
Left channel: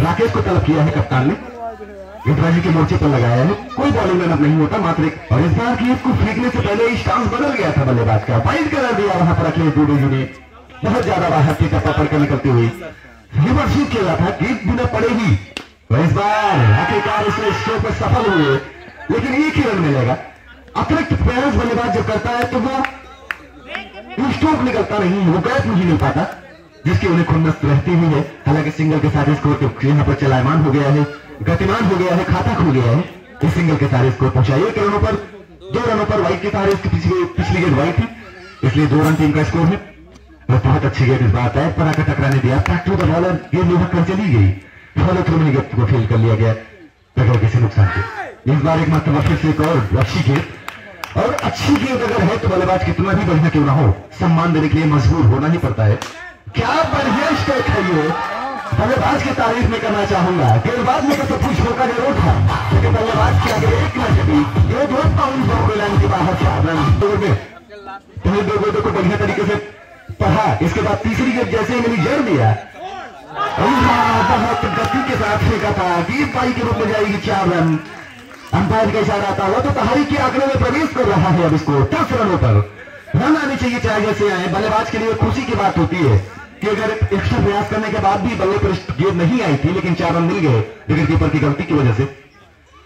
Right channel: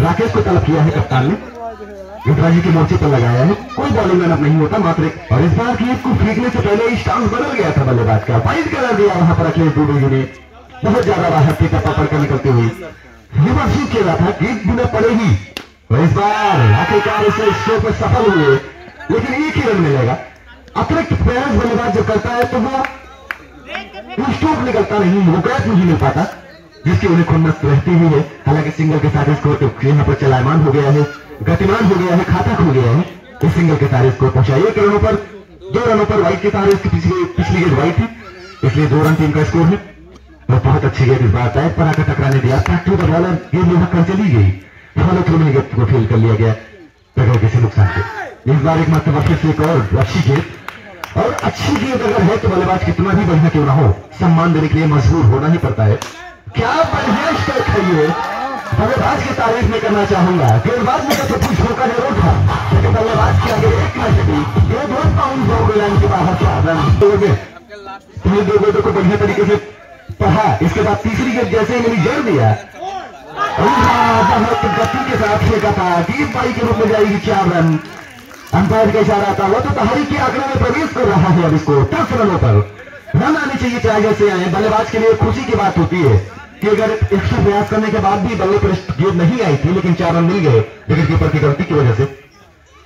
राकेश को तलब किया है कप्तान ने, गेंदबाजी के मोर्चे पर लगाया है। कोई बॉलिंग रनअप नहीं होता, मात्र एक। और इस बार गेंद को फेंकने से पहले स्टांस बदल गया था बल्लेबाज का, वाइड कलर दिया वहां पर अखिलेश दुबे ने, बहुत ज्यादा बाहर थी टप्पा पर निकलते हुए रिवर्स खेला था, गेंद बिना पड़े ही। और इस बार आखिरकार उसे शो पर सफल हुए, लेकिन एक ही रन मिलेगा। अतिरिक्त प्रयास बल्लेबाज जब करता है तो वो स्ट्रोक निकलता नहीं, वो गैप नहीं मिल पाता, जिसकी उन्हें खुन्नस रहती हुई है। हालांकि सिंगल के साथ स्कोर यहाँ पर चलायमान हो गया है, गतिमान हो गया है, खाता खुल गया है। इस सिंगल के सारे स्कोर पहुंचाइए 2 रनों पर वाइड के सारे इसकी पिछली गेंद वाइड थी, इसलिए 2 रन टीम का स्कोर है। और बहुत अच्छी गेंद इस बार पैर पर आकर टकराने दिया, टू द बॉलर गेंद में कर चली गई, फॉलो थ्रू में गेंद को फेल कर लिया गया बगैर किसी नुकसान के। इस बार एक मरतबा फिर से एक और अच्छी गेंद, और अच्छी गेंद अगर है तो बल्लेबाज कितना भी बढ़िया क्यों ना हो, सम्मान देने के लिए मजबूर होना ही पड़ता है। क्या बढ़िया स्ट्रोक है ये, बल्लेबाज की तारीफ में करना चाहूंगा। गेंदबाज में तो कुछ मौका जरूर था, लेकिन बल्लेबाज के आगे एक न कभी ये दो पाउंड लाइन के बाहर से रन दो को बढ़िया तरीके से पढ़ा। इसके बाद तीसरी गेंद जैसे ही मैंने जड़ दिया, बहुत गति के साथ फेंका था, 20 बाई के रूप में जाएगी 4 रन। अंपायर का इशारा था, वो तो तहरी के आंकड़े में प्रवेश कर रहा है। अब इसको 10 रनों पर रन आने चाहिए, चाहे जैसे आए। बल्लेबाज के लिए खुशी की बात होती है कि अगर एक्स्ट्रा प्रयास करने के बाद भी बल्ले पर गेंद नहीं आई थी, लेकिन 4 रन मिल गए विकेट कीपर की गलती की वजह से।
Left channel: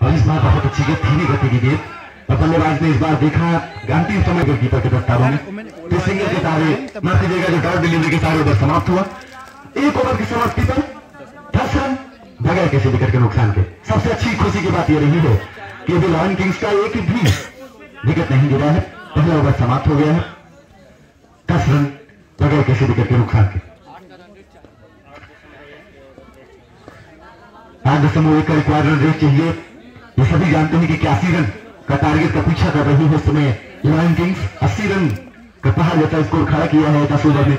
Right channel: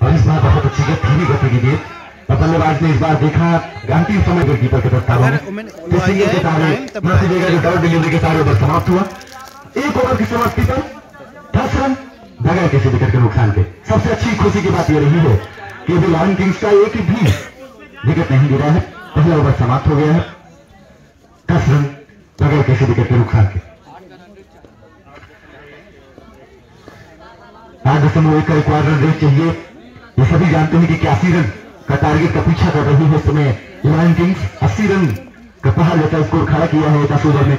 और इस बार बहुत अच्छी गेंद, धीमी गति की गेंद, और बल्लेबाज ने इस बार देखा अंतिम समय विकेट कीपर के प्रस्ताव में सिंगल के सारे माफी देगा, रिकॉर्ड डिलीवरी के सारे ओवर समाप्त हुआ। 1 ओवर की समाप्ति पर 10 रन बगैर किसी विकेट के नुकसान के। सबसे अच्छी खुशी की बात यह रही है कि अभी लॉयन किंग्स का एक भी विकेट नहीं गिरा है, पहला ओवर समाप्त हो गया है, 10 रन बगैर किसी विकेट के नुकसान के। आज समूह का रिक्वायर्ड रन रेट चाहिए, ये सभी जानते हैं कि 81 रन का टारगेट का पीछा कर रही है इस समय लॉयन किंग्स। 80 रन का पहाड़ जैसा स्कोर खड़ा किया है 10 ओवर में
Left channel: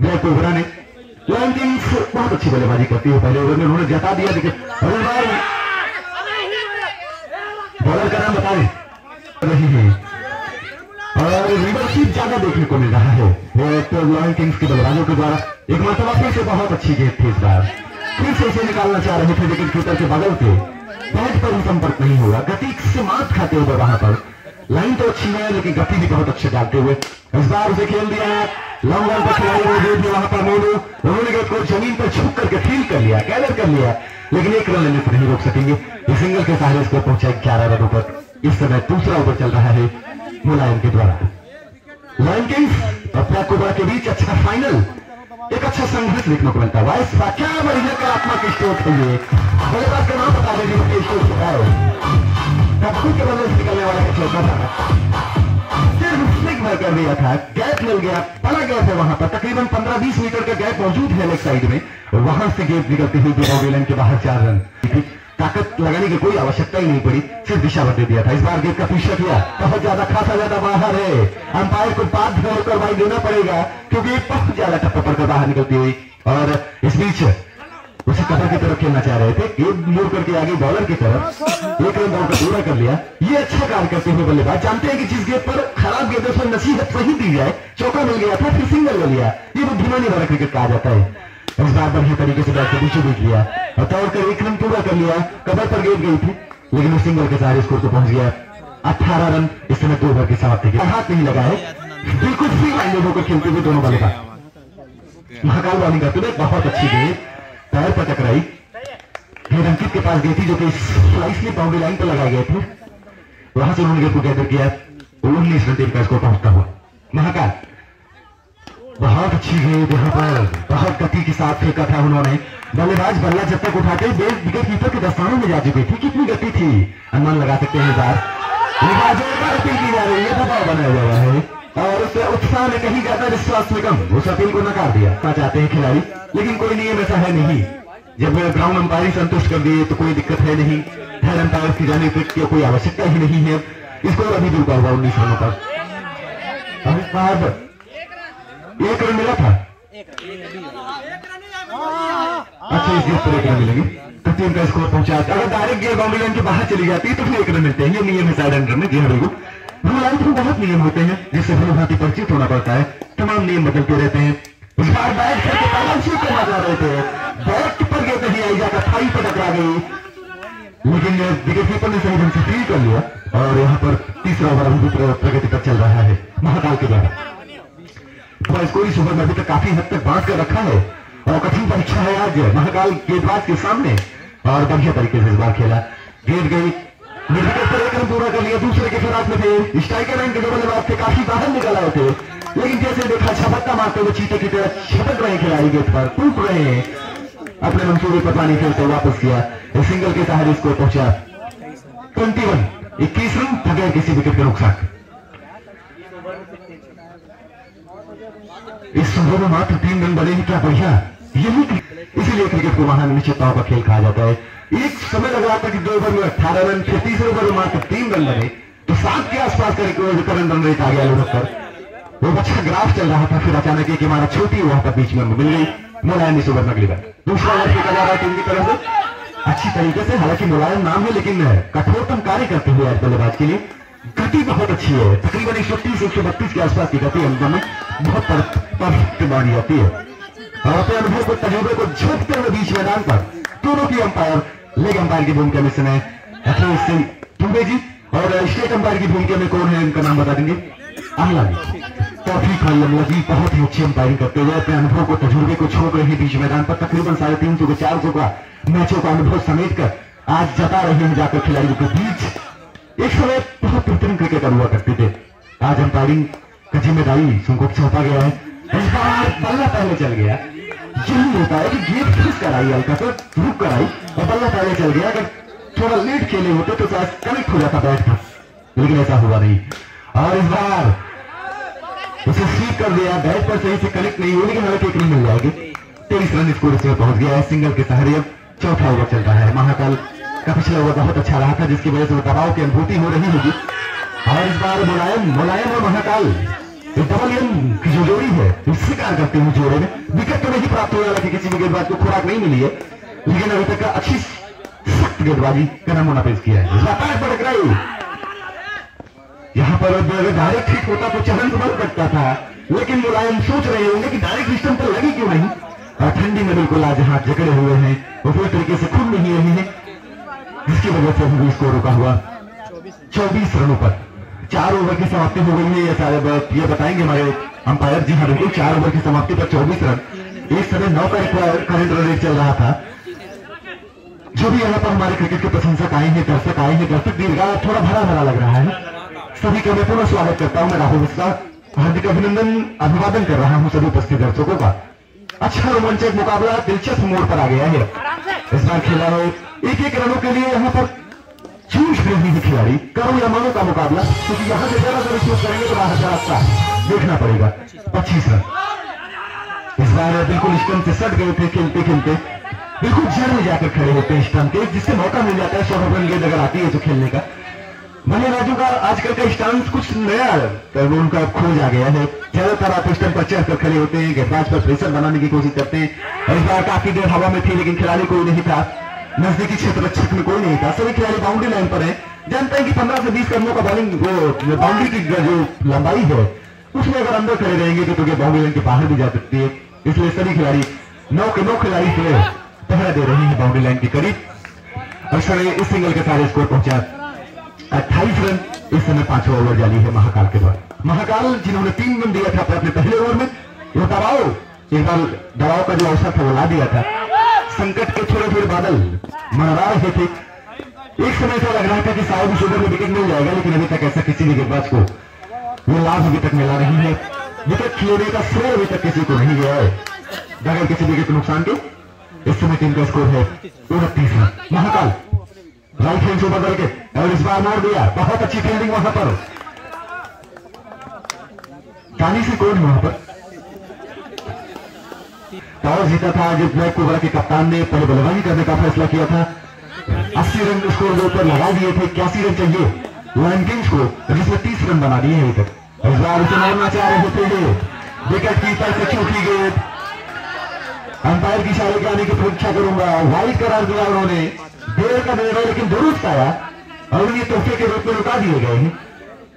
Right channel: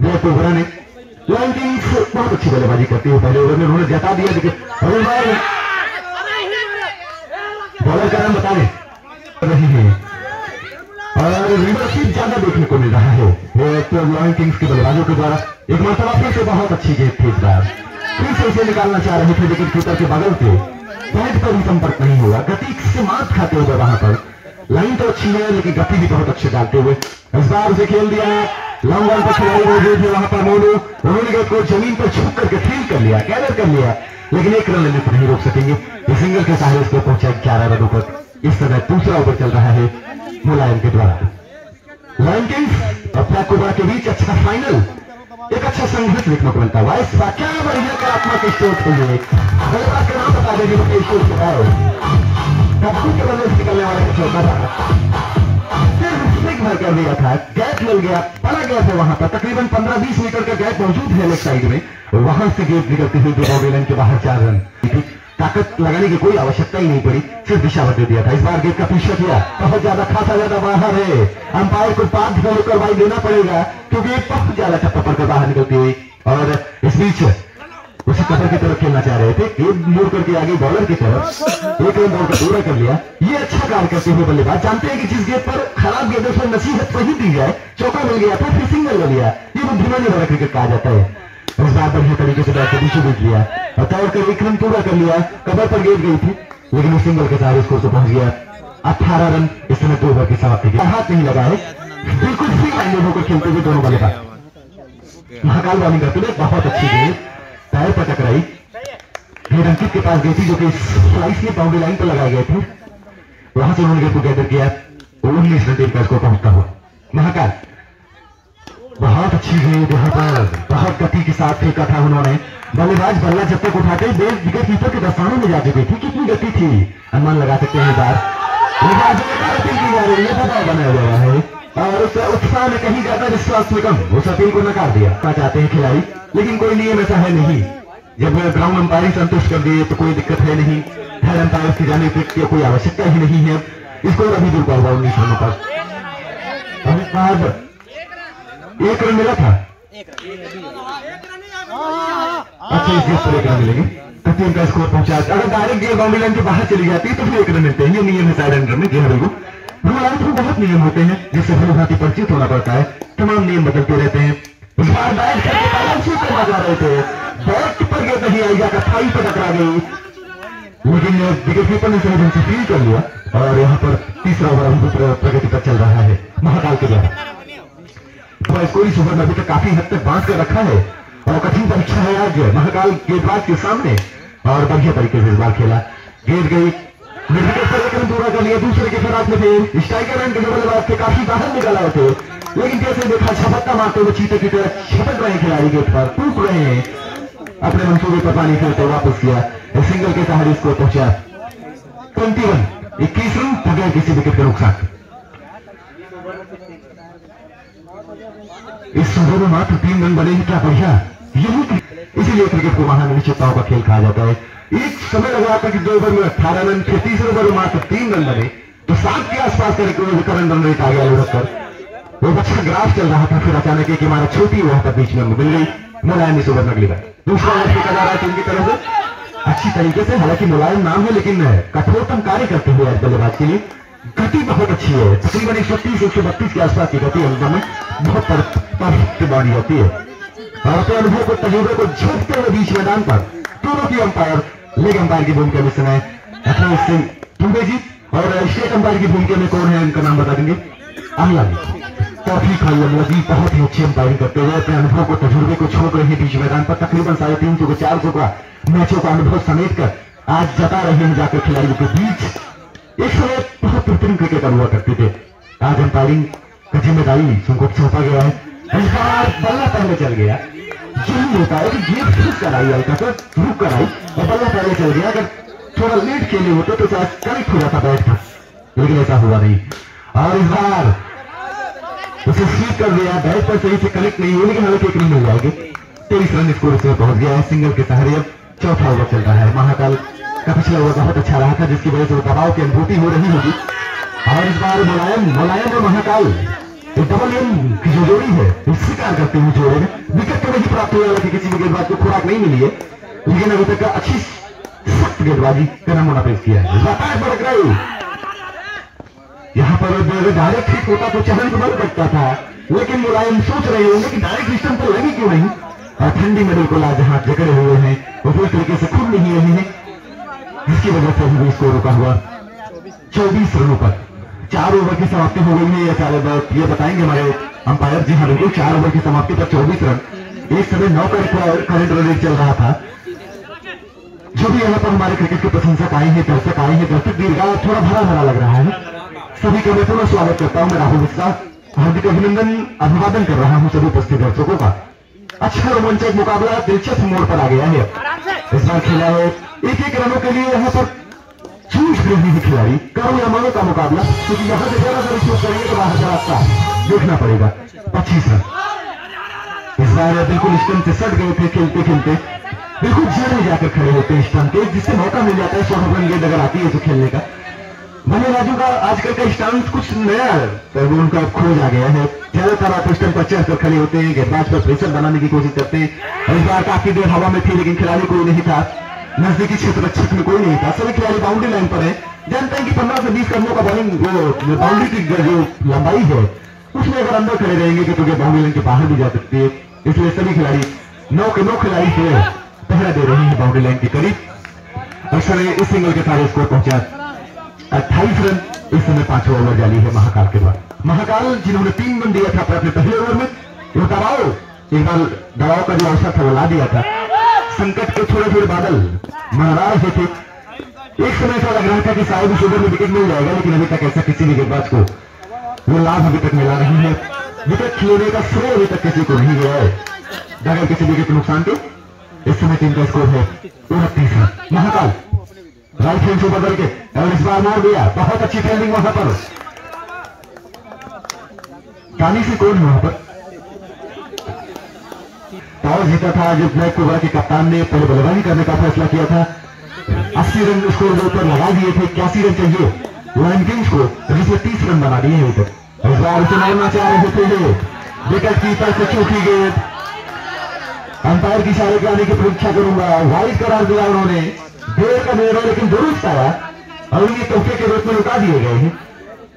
ब्लैक ओवर ने। लॉयन किंग्स बहुत अच्छी बल्लेबाजी करती है, पहले ओवर में उन्होंने जता दिया, लेकिन बॉलर का नाम बता रही है और लीडरशिप ज्यादा देखने को मिल रहा है तो लॉयन किंग्स के बल्लेबाजों के द्वारा। एक मरतबा फिर से बहुत अच्छी गेंद थी, इस बार फिर से उसे निकालना चाह रहे थे, विकेट कीपर के बगल से बैट पर भी संपर्क नहीं हुआ, गति से मात खाते हुए वहां पर। लाइन तो अच्छी है, लेकिन गति भी बहुत अच्छे डालते हुए इस बार उसे खेल दिया। लॉन्ग रन पर खिलाड़ी वहां पर मोनू, उन्होंने गेंद को जमीन पर छू करके फील कर लिया, गैदर कर लिया, लेकिन 1 रन लेने से नहीं रोक सकेंगे। ये सिंगल के सहारे स्कोर पहुंचा 11 रनों पर। इस समय दूसरा ओवर चल रहा है मुलायम के द्वारा। लॉयन किंग्स और ब्लैक ओवर के बीच अच्छा फाइनल, एक अच्छा संघर्ष देखने को मिलता है। इस बार क्या बढ़िया कलात्मक स्ट्रोक है ये, बल्लेबाज का नाम बता देंगे स्ट्रोक है, कप्पू के बल्ले से निकलने वाला चौका था, सिर्फ स्लिक में कर दिया था, गैप मिल गया, पड़ा गया था वहां पर। तकरीबन 15-20 मीटर का गैप मौजूद है लेग साइड में, और वहां से गेंद निकलती हुई लाइन के बाहर 4 रन। ताकत लगाने की कोई आवश्यकता ही नहीं पड़ी, सिर्फ दिशा बदल दिया था। इस बार गेंद का पीछा किया, बहुत ज्यादा खासा ज्यादा बाहर है, अंपायर को बाध्य होकर भाई देना पड़ेगा, क्योंकि बहुत ज्यादा टप्पा पर बाहर निकलती हुई। और इस बीच उसे कवर की तरफ खेलना चाह रहे थे, गेंद मोड़ करके आगे बॉलर की तरफ 1 रन दौड़ पूरा कर लिया। ये अच्छा कार्य करते हुए बल्लेबाज जानते हैं कि जिस गेंद पर खराब गेंदों से नसीहत सही दी जाए, चौका मिल गया था, फिर सिंगल मिल गया, ये बुद्धिमानी वाला क्रिकेट कहा जाता है। इस बार बढ़िया तरीके से बैट को पीछे देख लिया और तोड़कर 1 रन पूरा कर लिया। कवर पर गेंद गई थी, लेकिन वो सिंगल के सारे स्कोर को पहुंच गया 18 रन। इस समय 2 ओवर की समाप्ति के हाथ नहीं लगा है, बिल्कुल फ्री माइंडेड होकर खेलते हुए दोनों बल्लेबाज। महाकाल बॉलिंग करते हुए बहुत अच्छी गेंद पैर पर टकराई, गेंद अंकित के पास गई थी, जो कि स्लाइस में बाउंड्री लाइन पर लगाए गए थे, वहां से उन्होंने गेंद को गैदर किया। 19 रन टीम का स्कोर पहुंचता हुआ। महाकाल बहुत अच्छी गेंद, यहाँ पर बहुत गति के साथ फेंका था उन्होंने। बल्लेबाज बल्ला जब तक उठाते विकेट कीपर के दस्तानों में जा चुकी थी, कितनी गति थी अनुमान लगा सकते हैं। बार अपील की जा रही है, दबाव बनाया जा रहा है और उस उत्साह में कहीं जाता है जिससे उसमें कम, उस अपील को नकार दिया चाहते हैं खिलाड़ी, लेकिन कोई नियम ऐसा है नहीं। जब ग्राउंड अंपायरिंग संतुष्ट कर दिए तो कोई दिक्कत है नहीं, हेड अंपायर की जाने की कोई आवश्यकता ही नहीं है। इसको अभी जुड़ पाएगा 19 रन पर। 1 रन मिला था, अच्छा इस गेंद पर 1 रन मिलेंगे तो टीम का स्कोर पहुंचा। अगर डायरेक्ट गेंद बाउंड्री लाइन के बाहर चली जाती है तो फिर 1 रन मिलते हैं, ये नियम है साइड अंडर में। गेंद में बहुत नियम होते हैं जिससे भली भांति परिचित होना पड़ता है, तमाम नियम बदलते रहते हैं। बाउंसी पे मजा रहे थे, बैट पर गेंद नहीं आई, जाकर थाई पर टकरा गई, लेकिन विकेट कीपर ने सही ढंग से फील कर लिया और यहाँ पर तीसरा ओवर प्रगति पर चल रहा है महाकाल के द्वारा। तो स्कोर इस ओवर में अभी तक काफी हद तक बांट कर रखा है और कठिन परीक्षा है आज महाकाल गेंदबाज के सामने और बढ़िया तरीके से इस बार खेला। गेंद गई विकेट पर लेकर पूरा कर लिया, दूसरे के फिराक में थे, स्ट्राइकर एंड के बल्लेबाज से काफी बाहर निकल आए थे, लेकिन जैसे देखा छपक्का मारते हुए चीते की तरह छपक रहे खिलाड़ी गेंद पर, टूट रहे हैं, अपने मंसूबे पर पानी फेरते वापस किया, सिंगल के सहारे स्कोर पहुंचा 21 रन बगैर किसी विकेट के नुकसान। इस ओवर में मात्र 3 रन बने ही क्या बढ़िया, यही इसीलिए क्रिकेट को महानिश्चितताओं का खेल कहा जाता है। एक समय लग रहा था कि 2 ओवर में 18 रन, फिर तीसरे ओवर में मात्र 3 रन बने, तो 7 के आसपास का रन रेट आ गया लगभग, वो अच्छा ग्राफ चल रहा था, फिर अचानक एक इमारत छोटी वहां पर बीच में मिल गई। मुलायम इस ओवर में अगली बार दूसरा ओवर फेंका जा रहा है टीम की तरफ से अच्छी तरीके से, हालांकि मुलायम नाम है लेकिन कठोरतम कार्य करते हुए आज बल्लेबाज के लिए गति बहुत अच्छी है, तकरीबन 130-132 के आसपास की गति अंदर में बहुत परफेक्ट मानी जाती है और अपने अनुभव को तजुर्बे को झोंकते हुए बीच मैदान पर दोनों की अंपायर, लेग अंपायर की भूमिका में समय अखिलेश सिंह दुबे जी और स्टेट अंपायर की भूमिका में कौन है उनका नाम बता देंगे, अमला जी, तौफीक अमला जी बहुत ही अच्छी अंपायरिंग करते हुए अपने अनुभव को तजुर्बे को छोड़ रहे बीच मैदान पर तकरीबन 350 से 400 का मैचों का अनुभव समेट कर आज जता रहे हैं जाकर खिलाड़ियों के बीच। एक समय बहुत बेहतरीन क्रिकेटर हुआ करते थे, आज अंपायरिंग का जिम्मेदारी उनको सौंपा गया है, बल्ला पहले चल गया, यही होता है कि गेंद फिर कराई हल्का तो रुक कराई और बल्ला पहले चल गया, अगर थोड़ा लेट खेले होते तो शायद कनेक्ट हो जाता बैट पर, लेकिन ऐसा हुआ नहीं और इस बार उसे स्वीप कर दिया, बैट पर सही से कनेक्ट नहीं हुई, लेकिन हालांकि एक नहीं मिल जाएगी। 23 रन स्कोर से पहुंच गया है, सिंगल के सहारे अब चौथा ओवर चल रहा है। महाकाल का पिछला ओवर बहुत अच्छा रहा था जिसकी वजह से दबाव की अनुभूति हो रही होगी और इस बार मुलायम और महाकाल डबल एम की जो जोड़ी है स्वीकार करते हुए जोड़े में विकेट तो नहीं प्राप्त हुआ, कि किसी भी गेंदबाज को खुराक नहीं मिली है, लेकिन अभी तक अच्छी सख्त गेंदबाजी का नमूना पेश किया है। यहाँ पर अगर डायरेक्ट हिट होता तो चलन बन सकता था, लेकिन मुलायम सोच रहे होंगे कि डायरेक्ट सिस्टम तो लगी क्यों नहीं, और ठंडी में बिल्कुल आज हाथ जकड़े हुए हैं वो पूरी तरीके से खुल नहीं रही है, जिसकी वजह से ही स्कोर रुका हुआ 24 रनों पर। 4 ओवर की समाप्ति हो गई है, ये बताएंगे हमारे अंपायर जी। हाँ बिल्कुल, 4 ओवर की समाप्ति पर 24 रन, एक समय 9 का करंट रन रेट चल रहा था। जो भी यहाँ पर हमारे क्रिकेट के प्रशंसक आए हैं, दर्शक आए हैं, दर्शक दीर्घा थोड़ा भरा भरा लग रहा है, सभी का मैं पुनः स्वागत करता हूँ। मैं राहुल मिश्रा हार्दिक अभिवादन कर रहा हूँ सभी उपस्थित दर्शकों का। अच्छा रोमांचक मुकाबला दिलचस्प मोड़ पर आ गया है, इस बार खेला है 1-1 रनों के लिए यहाँ पर जूझ रहे हैं खिलाड़ी, करो या मानो का मुकाबला, क्योंकि यहाँ से ज्यादा जरूर करेंगे तो रास्ता देखना पड़ेगा। 25 रन इस बार बिल्कुल स्टंप से सट गए थे, खेलते खेलते बिल्कुल जड़ में जाकर खड़े होते हैं स्टंप के, जिससे मौका मिल जाता है 100 रन गेंद अगर आती है तो खेलने का। बल्लेबाजों का आजकल का स्टांस कुछ नया है, तो उनका खोज आ गया है, ज्यादातर आप स्टंप पर चढ़कर खड़े होते हैं, गेंदबाज पर प्रेशर बनाने की कोशिश करते हैं, और इस बार काफी देर हवा में थी लेकिन खिलाड़ी कोई नहीं था, नजदीकी क्षेत्र रक्षक में कोई नहीं था, सभी खिलाड़ी बाउंड्री लाइन पर है। जानते हैं कि 15 से 20 कदमों का बॉलिंग बाउंड्री की जो लंबाई है उसमें अगर अंदर खड़े रहेंगे तो बाउंड्री लाइन के बाहर भी जा सकती है, इसलिए सभी खिलाड़ी 9 के 9 खिलाड़ी से पहरा दे रहे हैं बाउंड्री लाइन के करीब। अक्सर इस सिंगल के सारे स्कोर पहुंचा 28 रन, इस समय 5वां ओवर जारी है महाकाल के द्वारा। महाकाल जिन्होंने 3 रन दिया था अपने पहले ओवर में, वो दबाव का जो अवसर था वो ला दिया था, संकट के थोड़े थोड़े बादल मंडरा रहे थे, एक समय ऐसा लग रहा था कि शायद इस ओवर में विकेट मिल जाएगा, लेकिन अभी तक ऐसा किसी भी गेंदबाज को वो लाभ अभी तक मिला नहीं है, विकेट लेने का श्रेय अभी तक किसी को नहीं गया है बगैर किसी विकेट के नुकसान के। इस समय टीम का स्कोर है 29 रन। महाकाल राइट हैंड से बदल के और इस बार मार दिया, बहुत अच्छी फील्डिंग वहां पर, कानी से कोई वहां पर टॉस जीता था, जिस ब्लैक कोबरा के कप्तान ने पहले बल्लेबाजी करने का फैसला किया था। 80 रन स्कोर के ऊपर लगा दिए थे, 81 रन चाहिए लाइन किंग्स को, जिसमें 30 रन बना दिए अभी तक। इस बार उसे मारना चाह रहे थे, विकेट कीपर से चूकी गेंद, अंपायर की इशारे के आने की परीक्षा करूंगा, वाइड करार दिया उन्होंने, देर का निर्णय लेकिन दुरुस्त आया और ये तोहफे के रूप में रुका दिए गए हैं।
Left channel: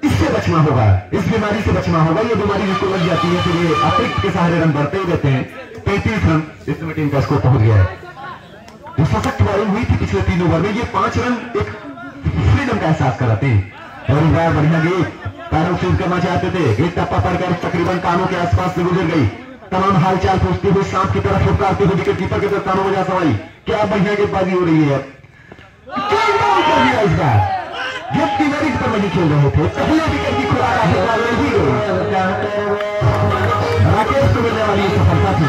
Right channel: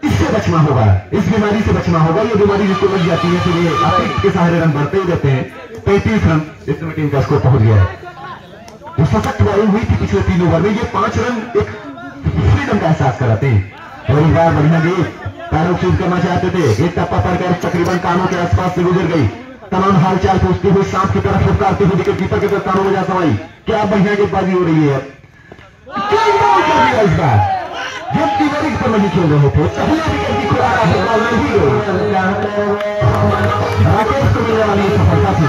इससे बचना होगा, इस बीमारी से बचना होगा, ये बीमारी जिसको लग जाती है फिर ये अतिरिक्त के सहारे रन बढ़ते ही रहते हैं, 33 रन इस समय टीम का स्कोर पहुंच गया है। जो सशक्त बॉलिंग हुई थी पिछले 3 ओवर में, ये 5 रन एक फ्रीडम का एहसास कराते हैं। और इस बार बढ़िया गेंद पैरों शूट करना चाहते थे, गेंद टप्पा पड़कर तकरीबन कानों के आसपास से गुजर गई। तमाम हालचाल पूछते हुए सांप की तरफ फुटकारते हुए विकेट कीपर के तरफ कानों में जा समाई। क्या बढ़िया गेंदबाजी हो रही है। इस बार गेंद की बारी पर नहीं खेल रहे थे, पहले विकेट की खुराक नहीं गई। राकेश को मिलने वाली सफलता थी।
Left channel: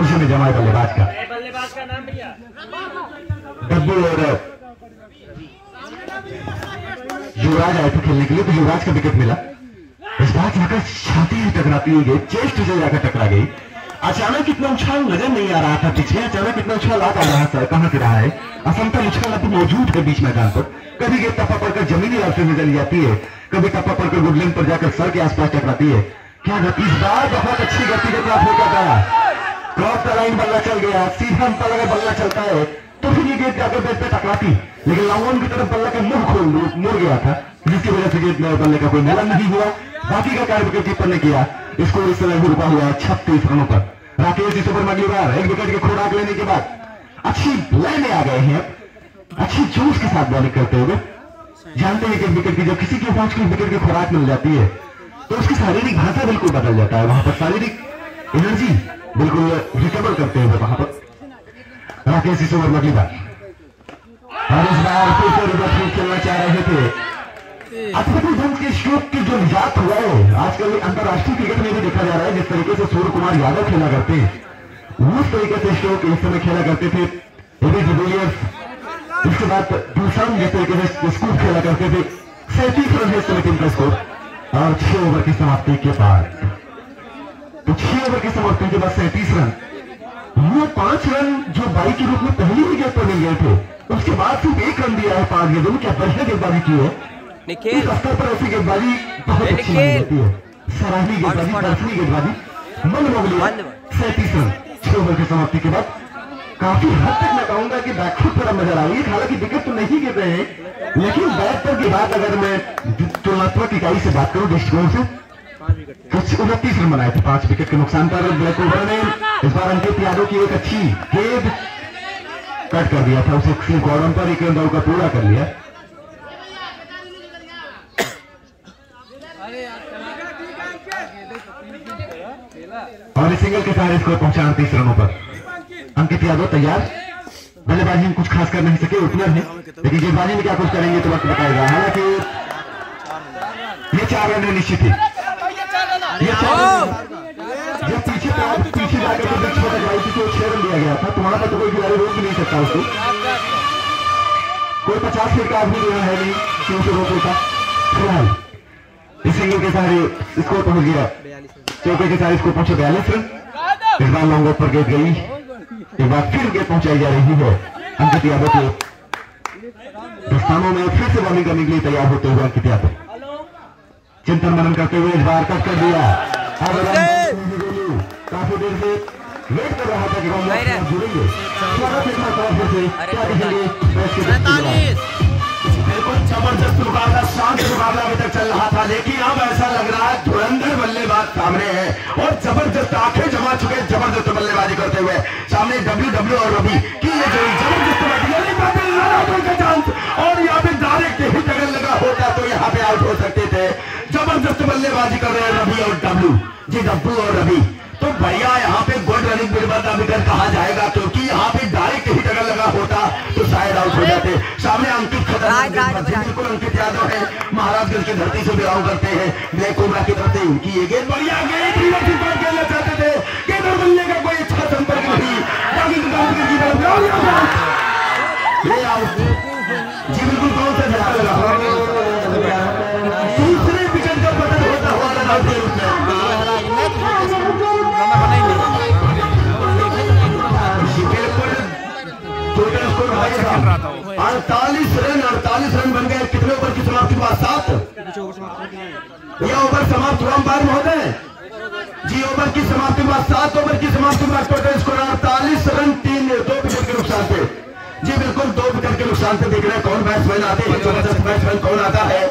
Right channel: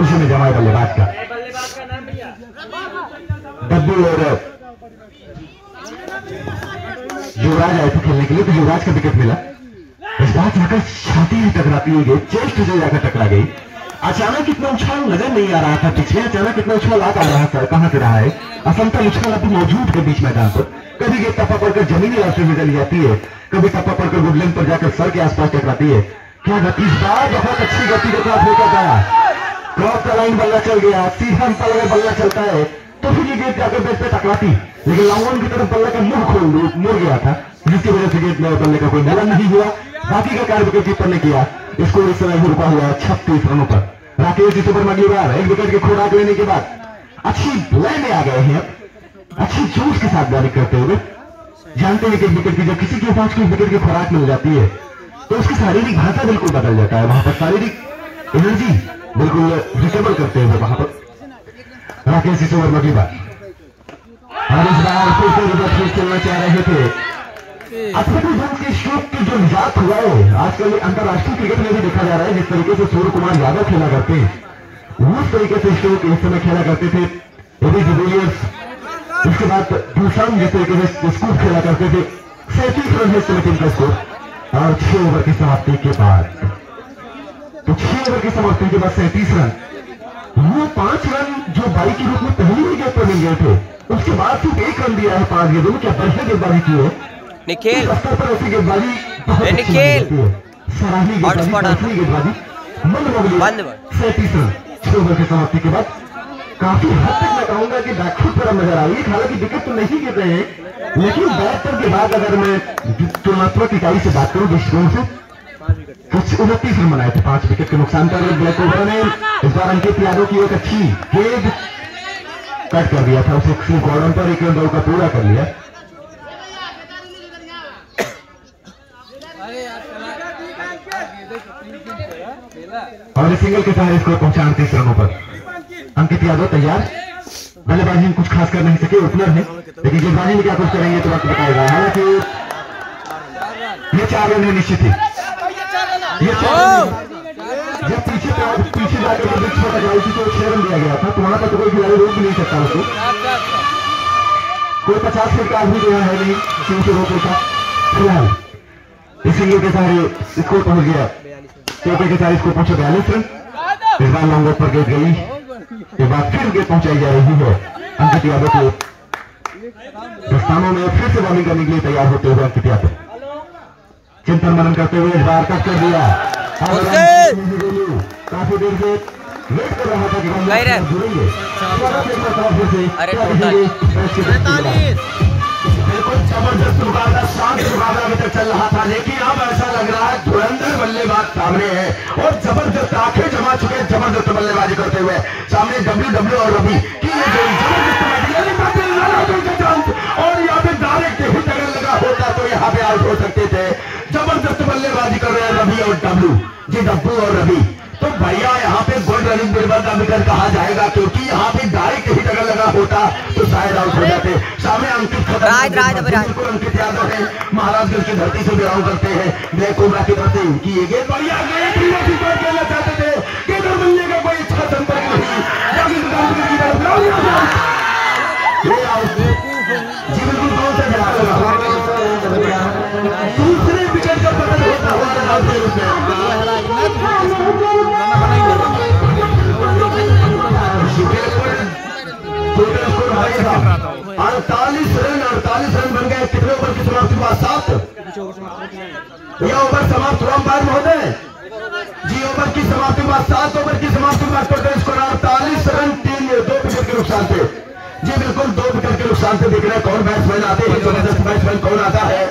उसी में जमाल बल्लेबाज का डब्बू और युवराज आए थे खेलने के लिए, तो युवराज का विकेट मिला। इस बार जाकर छाती से टकराती हुई चेस्ट से जाकर टकरा गई। अचानक इतना उछाल नजर नहीं आ रहा था पिछले, अचानक इतना उछाल आ रहा है, कहां से रहा है। असमतल उछाल अभी मौजूद है बीच मैदान पर। कभी गेंद टप्पा पड़कर जमीनी रास्ते में चली जाती है, कभी टप्पा पड़कर गुडलैंड पर जाकर सर के आसपास टकराती है। क्या गति, इस बार बहुत अच्छी गति के साथ लेकर था। क्रॉस का लाइन बल्ला चल गया, सीधा अंतर में बल्ला चलता है तो फिर ये गेंद जाकर बेट पे टकराती, लेकिन लॉन्ग ऑन की तरफ बल्ले का मुड़ गया था, जिसकी वजह से गेंद बल्ले का कोई मिलन नहीं हुआ। बाकी का कार्य विकेट कीपर ने किया। इसको इस समय रुका हुआ है 36 रनों पर। राकेश इस ओवर में अगली बार एक विकेट की खुराक लेने के बाद अच्छी लय में आ गए हैं, अच्छी जोश के साथ बॉलिंग करते हुए। जानते हैं कि विकेट की जब किसी के पास कोई विकेट की खुराक मिल जाती है तो उसकी शारीरिक भाषा बिल्कुल बदल जाता है। वहां पर शारीरिक एनर्जी बिल्कुल रिकवर करते हुए वहां पर राकेश इस ओवर में अगली बार और इस बार फिर से रिवर्स खेलना चाह रहे थे। अफरीदी ढंग के स्ट्रोक की जो निजात हुआ है, आजकल अंतरराष्ट्रीय क्रिकेट में भी देखा जा रहा है। जिस तरीके से सूर्य कुमार यादव खेला करते हैं, उस तरीके से स्ट्रोक इस समय खेला करते थे एबी डिविलियर्स। इसके बाद दूसरा जिस तरीके से स्कूप खेला करते थे। 37 रन है इस समय टीम का स्कोर। और 6 ओवर की समाप्ति के बाद, तो 6 ओवर की समाप्ति के बाद 37 रन। वो 5 रन जो बाई के रूप में पहली विकेट पर मिल गए थे, उसके बाद सिर्फ 1 रन दिया है 5 गेंदों में। क्या बढ़िया गेंदबाजी की है निखिल। स्तर पर ऐसी गेंदबाजी निखिल सराहनीय गेंदबाजी। 37 रन 6 ओवर की समाप्ति के बाद काफी हद तक मैं कहूंगा कि बैकफुट पर नजर आ रही है। हालांकि विकेट तो नहीं गिर रहे हैं, लेकिन बैटर के बाद अगर मैं तुलनात्मक इकाई से बात करूं दृष्टिकोण से, कुछ 29 रन बनाए थे 5 विकेट के नुकसान पर। ब्लैक कोबरा ने इस बार अंकित यादव की एक अच्छी गेंद कट कर दिया था, उसे स्लिप बॉर्डर पर 1 रन दौड़ का पूरा कर लिया। और सिंगल के साथ इसको पहुंचा 29 रनों पर। अंकित यादव तैयार, बल्लेबाजी में कुछ खास कर नहीं सके, ओपनर है, लेकिन गेंदबाजी में क्या कुछ करेंगे तो बात बताएगा। हालांकि ये 4 रन है निश्चित ही। ये पीछे जाकर तो 6 रन दिया गया था, तो वहां पर तो कोई खिलाड़ी रोक भी नहीं सकता उसको। कोई 50 फीट का आदमी जो है नहीं क्यों से रोक लेता। फिलहाल इस सिंगल के सारे स्कोर पहुंच गया, चौके के सारे स्कोर पहुंचे 42 रन। इस बार लॉन्ग पर गेंद गई, एक बार फिर गेंद पहुंचाई जा रही है अंकित यादव को। दस्तानों में फिर से बॉलिंग करने के लिए तैयार होते हुए अंकित यादव चिंतन मनन करते हुए इस बार कट कर दिया। काफी देर से वेट कर रहा था कि जुड़ेंगे। जबरदस्त मुकाबला, शांत मुकाबला अभी तक चल रहा था, लेकिन अब ऐसा लग रहा है धुरंधर बल्लेबाज सामने है और जबरदस्त आंखें जमा चुके जबरदस्त बल्लेबाजी करते हुए सामने डब्ल्यू और रवि की ये जोड़ी जबरदस्त बैटिंग। और यहाँ पे डायरेक्ट हिट अगर लगा होता तो यहाँ पे आउट हो सकते थे। जबरदस्त बल्लेबाजी कर रहे हैं रवि और डब्ल्यू और रवि। तो भैया यहाँ पे गोल्ड रनिंग बिरबल का विकेट कहा जाएगा, क्योंकि यहाँ पे डायरेक्ट हिट अगर लगा होता तो शायद आउट हो जाते। सामने अंकित अंकित यादव है, महाराजगंज की धरती से बिलोंग करते हैं, ब्लैक कोबरा की धरती। उनकी ये गेंद बढ़िया गेंद खेलना चाहते थे, गेंद मिलने का कोई अच्छा संपर्क नहीं। जी बिल्कुल कौन सा दूसरे विकेट का पतन होता हुआ बिल्कुल 48 रन बन गए। कितने ओवर की समाप्ति हुआ? 7। यह ओवर समाप्त हुआ अंपायर महोदय जी। ओवर की समाप्ति हुआ 7 ओवर की समाप्ति हुआ। टोटल स्कोर 48 रन 2 विकेट के नुकसान पे। जी बिल्कुल 2 विकेट के नुकसान से देख रहे हैं कौन बैट्समैन आते हैं, जबरदस्त बैट्समैन कौन आता है।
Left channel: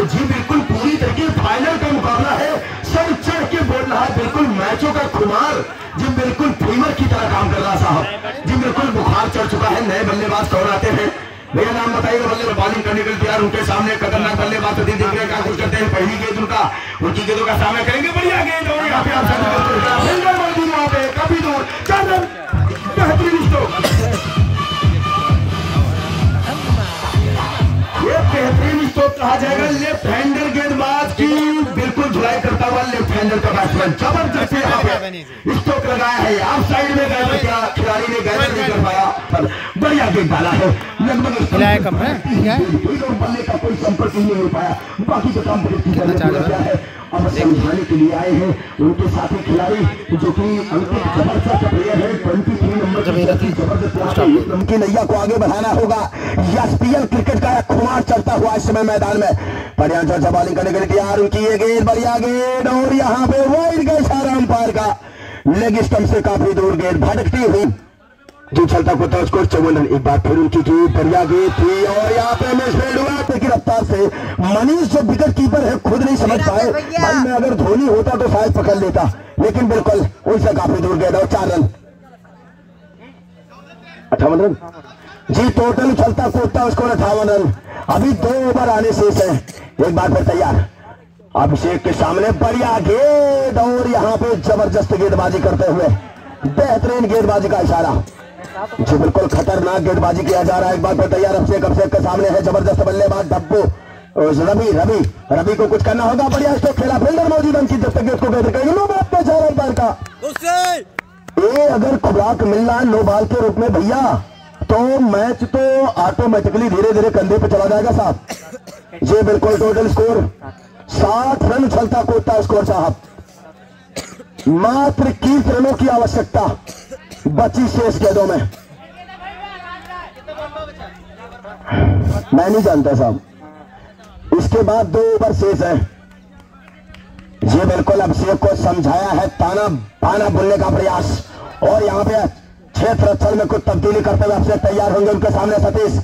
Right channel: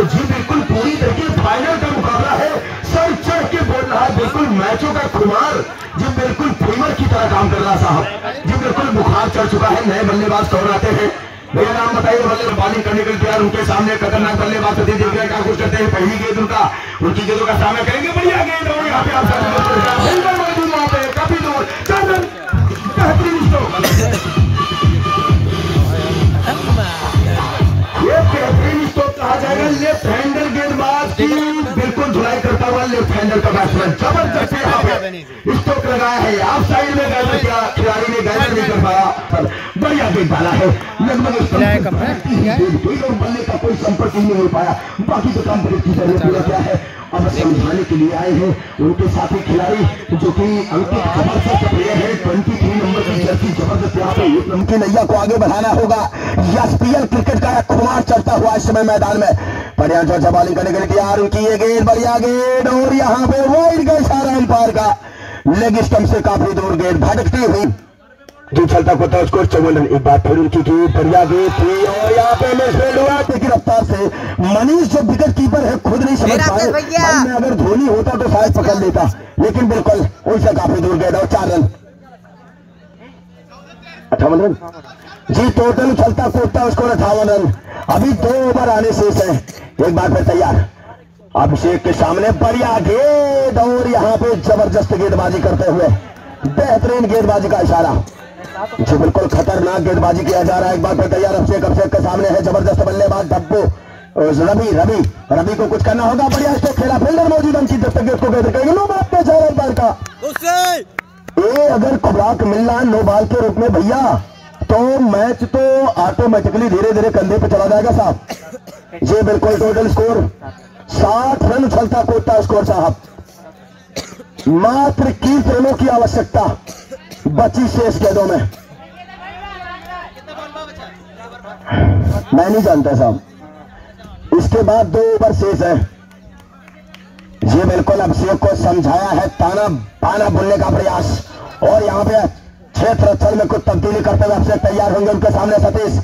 पे जी बिल्कुल पूरी तरीके फाइनल का मुकाबला है, सर चढ़ के बोल रहा है, बिल्कुल मैचों का खुमार जी बिल्कुल फीवर की तरह काम कर रहा साहब जी, बिल्कुल बुखार चढ़ चुका है। नए बल्लेबाज कौन आते हैं भैया, नाम बताइए। बल्लेबाज बॉलिंग करने के लिए तैयार, उनके सामने खतरनाक बल्लेबाज सतीश दिग्विजय क्या कुछ करते हैं। पहली गेंद उनका, उनकी गेंदों का सामना करेंगे, बढ़िया गेंद और यहाँ पे आप काफी दूर 4 रन, बेहतरीन स्ट्रोक, ये बेहतरीन स्ट्रोक कहा जाएगा। लेफ्ट हैंडर गेंदबाज की बिल्कुल धुलाई करता हुआ लेफ्ट हैंडर का बैट्समैन जबरदस्त यहाँ पे स्ट्रोक लगाया है। आप साइड में गए तो क्या खिलाड़ी ने गैदर नहीं कर पाया, बढ़िया गेंद डाला है, लगभग बल्ले का कोई संपर्क नहीं हो पाया। बाकी तो काम पूरा क्या है, अब समझाने के लिए आए हैं उनके साथी खिलाड़ी जो कि अंकित जबरदस्त प्लेयर है, 23 नंबर की जर्सी जबरदस्त यहाँ पे उनकी नैया को आगे बढ़ाना होगा। एसपीएल क्रिकेट का खुमार चलता हुआ इस समय मैदान में, बढ़िया जोर से बॉलिंग करने के लिए तैयार, उनकी ये गेंद बढ़िया गेंद और यहाँ पे वाइड का इशारा अंपायर का, लेग स्टंप से काफी दूर गेंद भटकती हुई जो चलता को था स्कोर 54 रन। एक बार फिर उनकी बढ़िया गेंद थी और यहाँ पे मिसफील्ड हुआ की रफ्तार से मनीष जो विकेट कीपर है खुद नहीं समझ पाए, भाई में अगर धोनी होता तो शायद पकड़ लेता, लेकिन बिल्कुल उससे काफी दूर गया और 4 रन 58 रन जी टोटल चलता कूदता स्कोर 58 रन। अभी 2 ओवर आने शेष है, एक बार फिर तैयार, अभिषेक के सामने बढ़िया गेंद और यहाँ पे जबरदस्त गेंदबाजी करते हुए बेहतरीन गेंदबाजी का इशारा जी, बिल्कुल खतरनाक गेंदबाजी किया जा रहा है। एक बार फिर तैयार, अभिषेक के सामने है जबरदस्त बल्लेबाज डब्बू रवि को कुछ करना होगा, बढ़िया स्ट्रोक खेला, फील्डर मौजूद अंकित दत्तक गेंद को गेंद करेंगे, नो बॉल पे जा रहा है का ये अगर खुराक मिलना है नो बॉल के रूप में भैया तो मैच तो ऑटोमेटिकली धीरे धीरे कंधे पे चला जाएगा साहब जी। बिल्कुल टोटल स्कोर 60 रन चलता कूदता स्कोर साहब, मात्र 21 रनों की आवश्यकता बची शेष गेंदों में, मैं नहीं जानता साहब। इसके बाद 2 ओवर शेष है ये, बिल्कुल अभिषेक को समझाया है, ताना बाना बोलने का प्रयास और यहाँ पे क्षेत्र स्थल में कुछ तब्दीली करते हुए अभिषेक तैयार होंगे, उनके सामने सतीश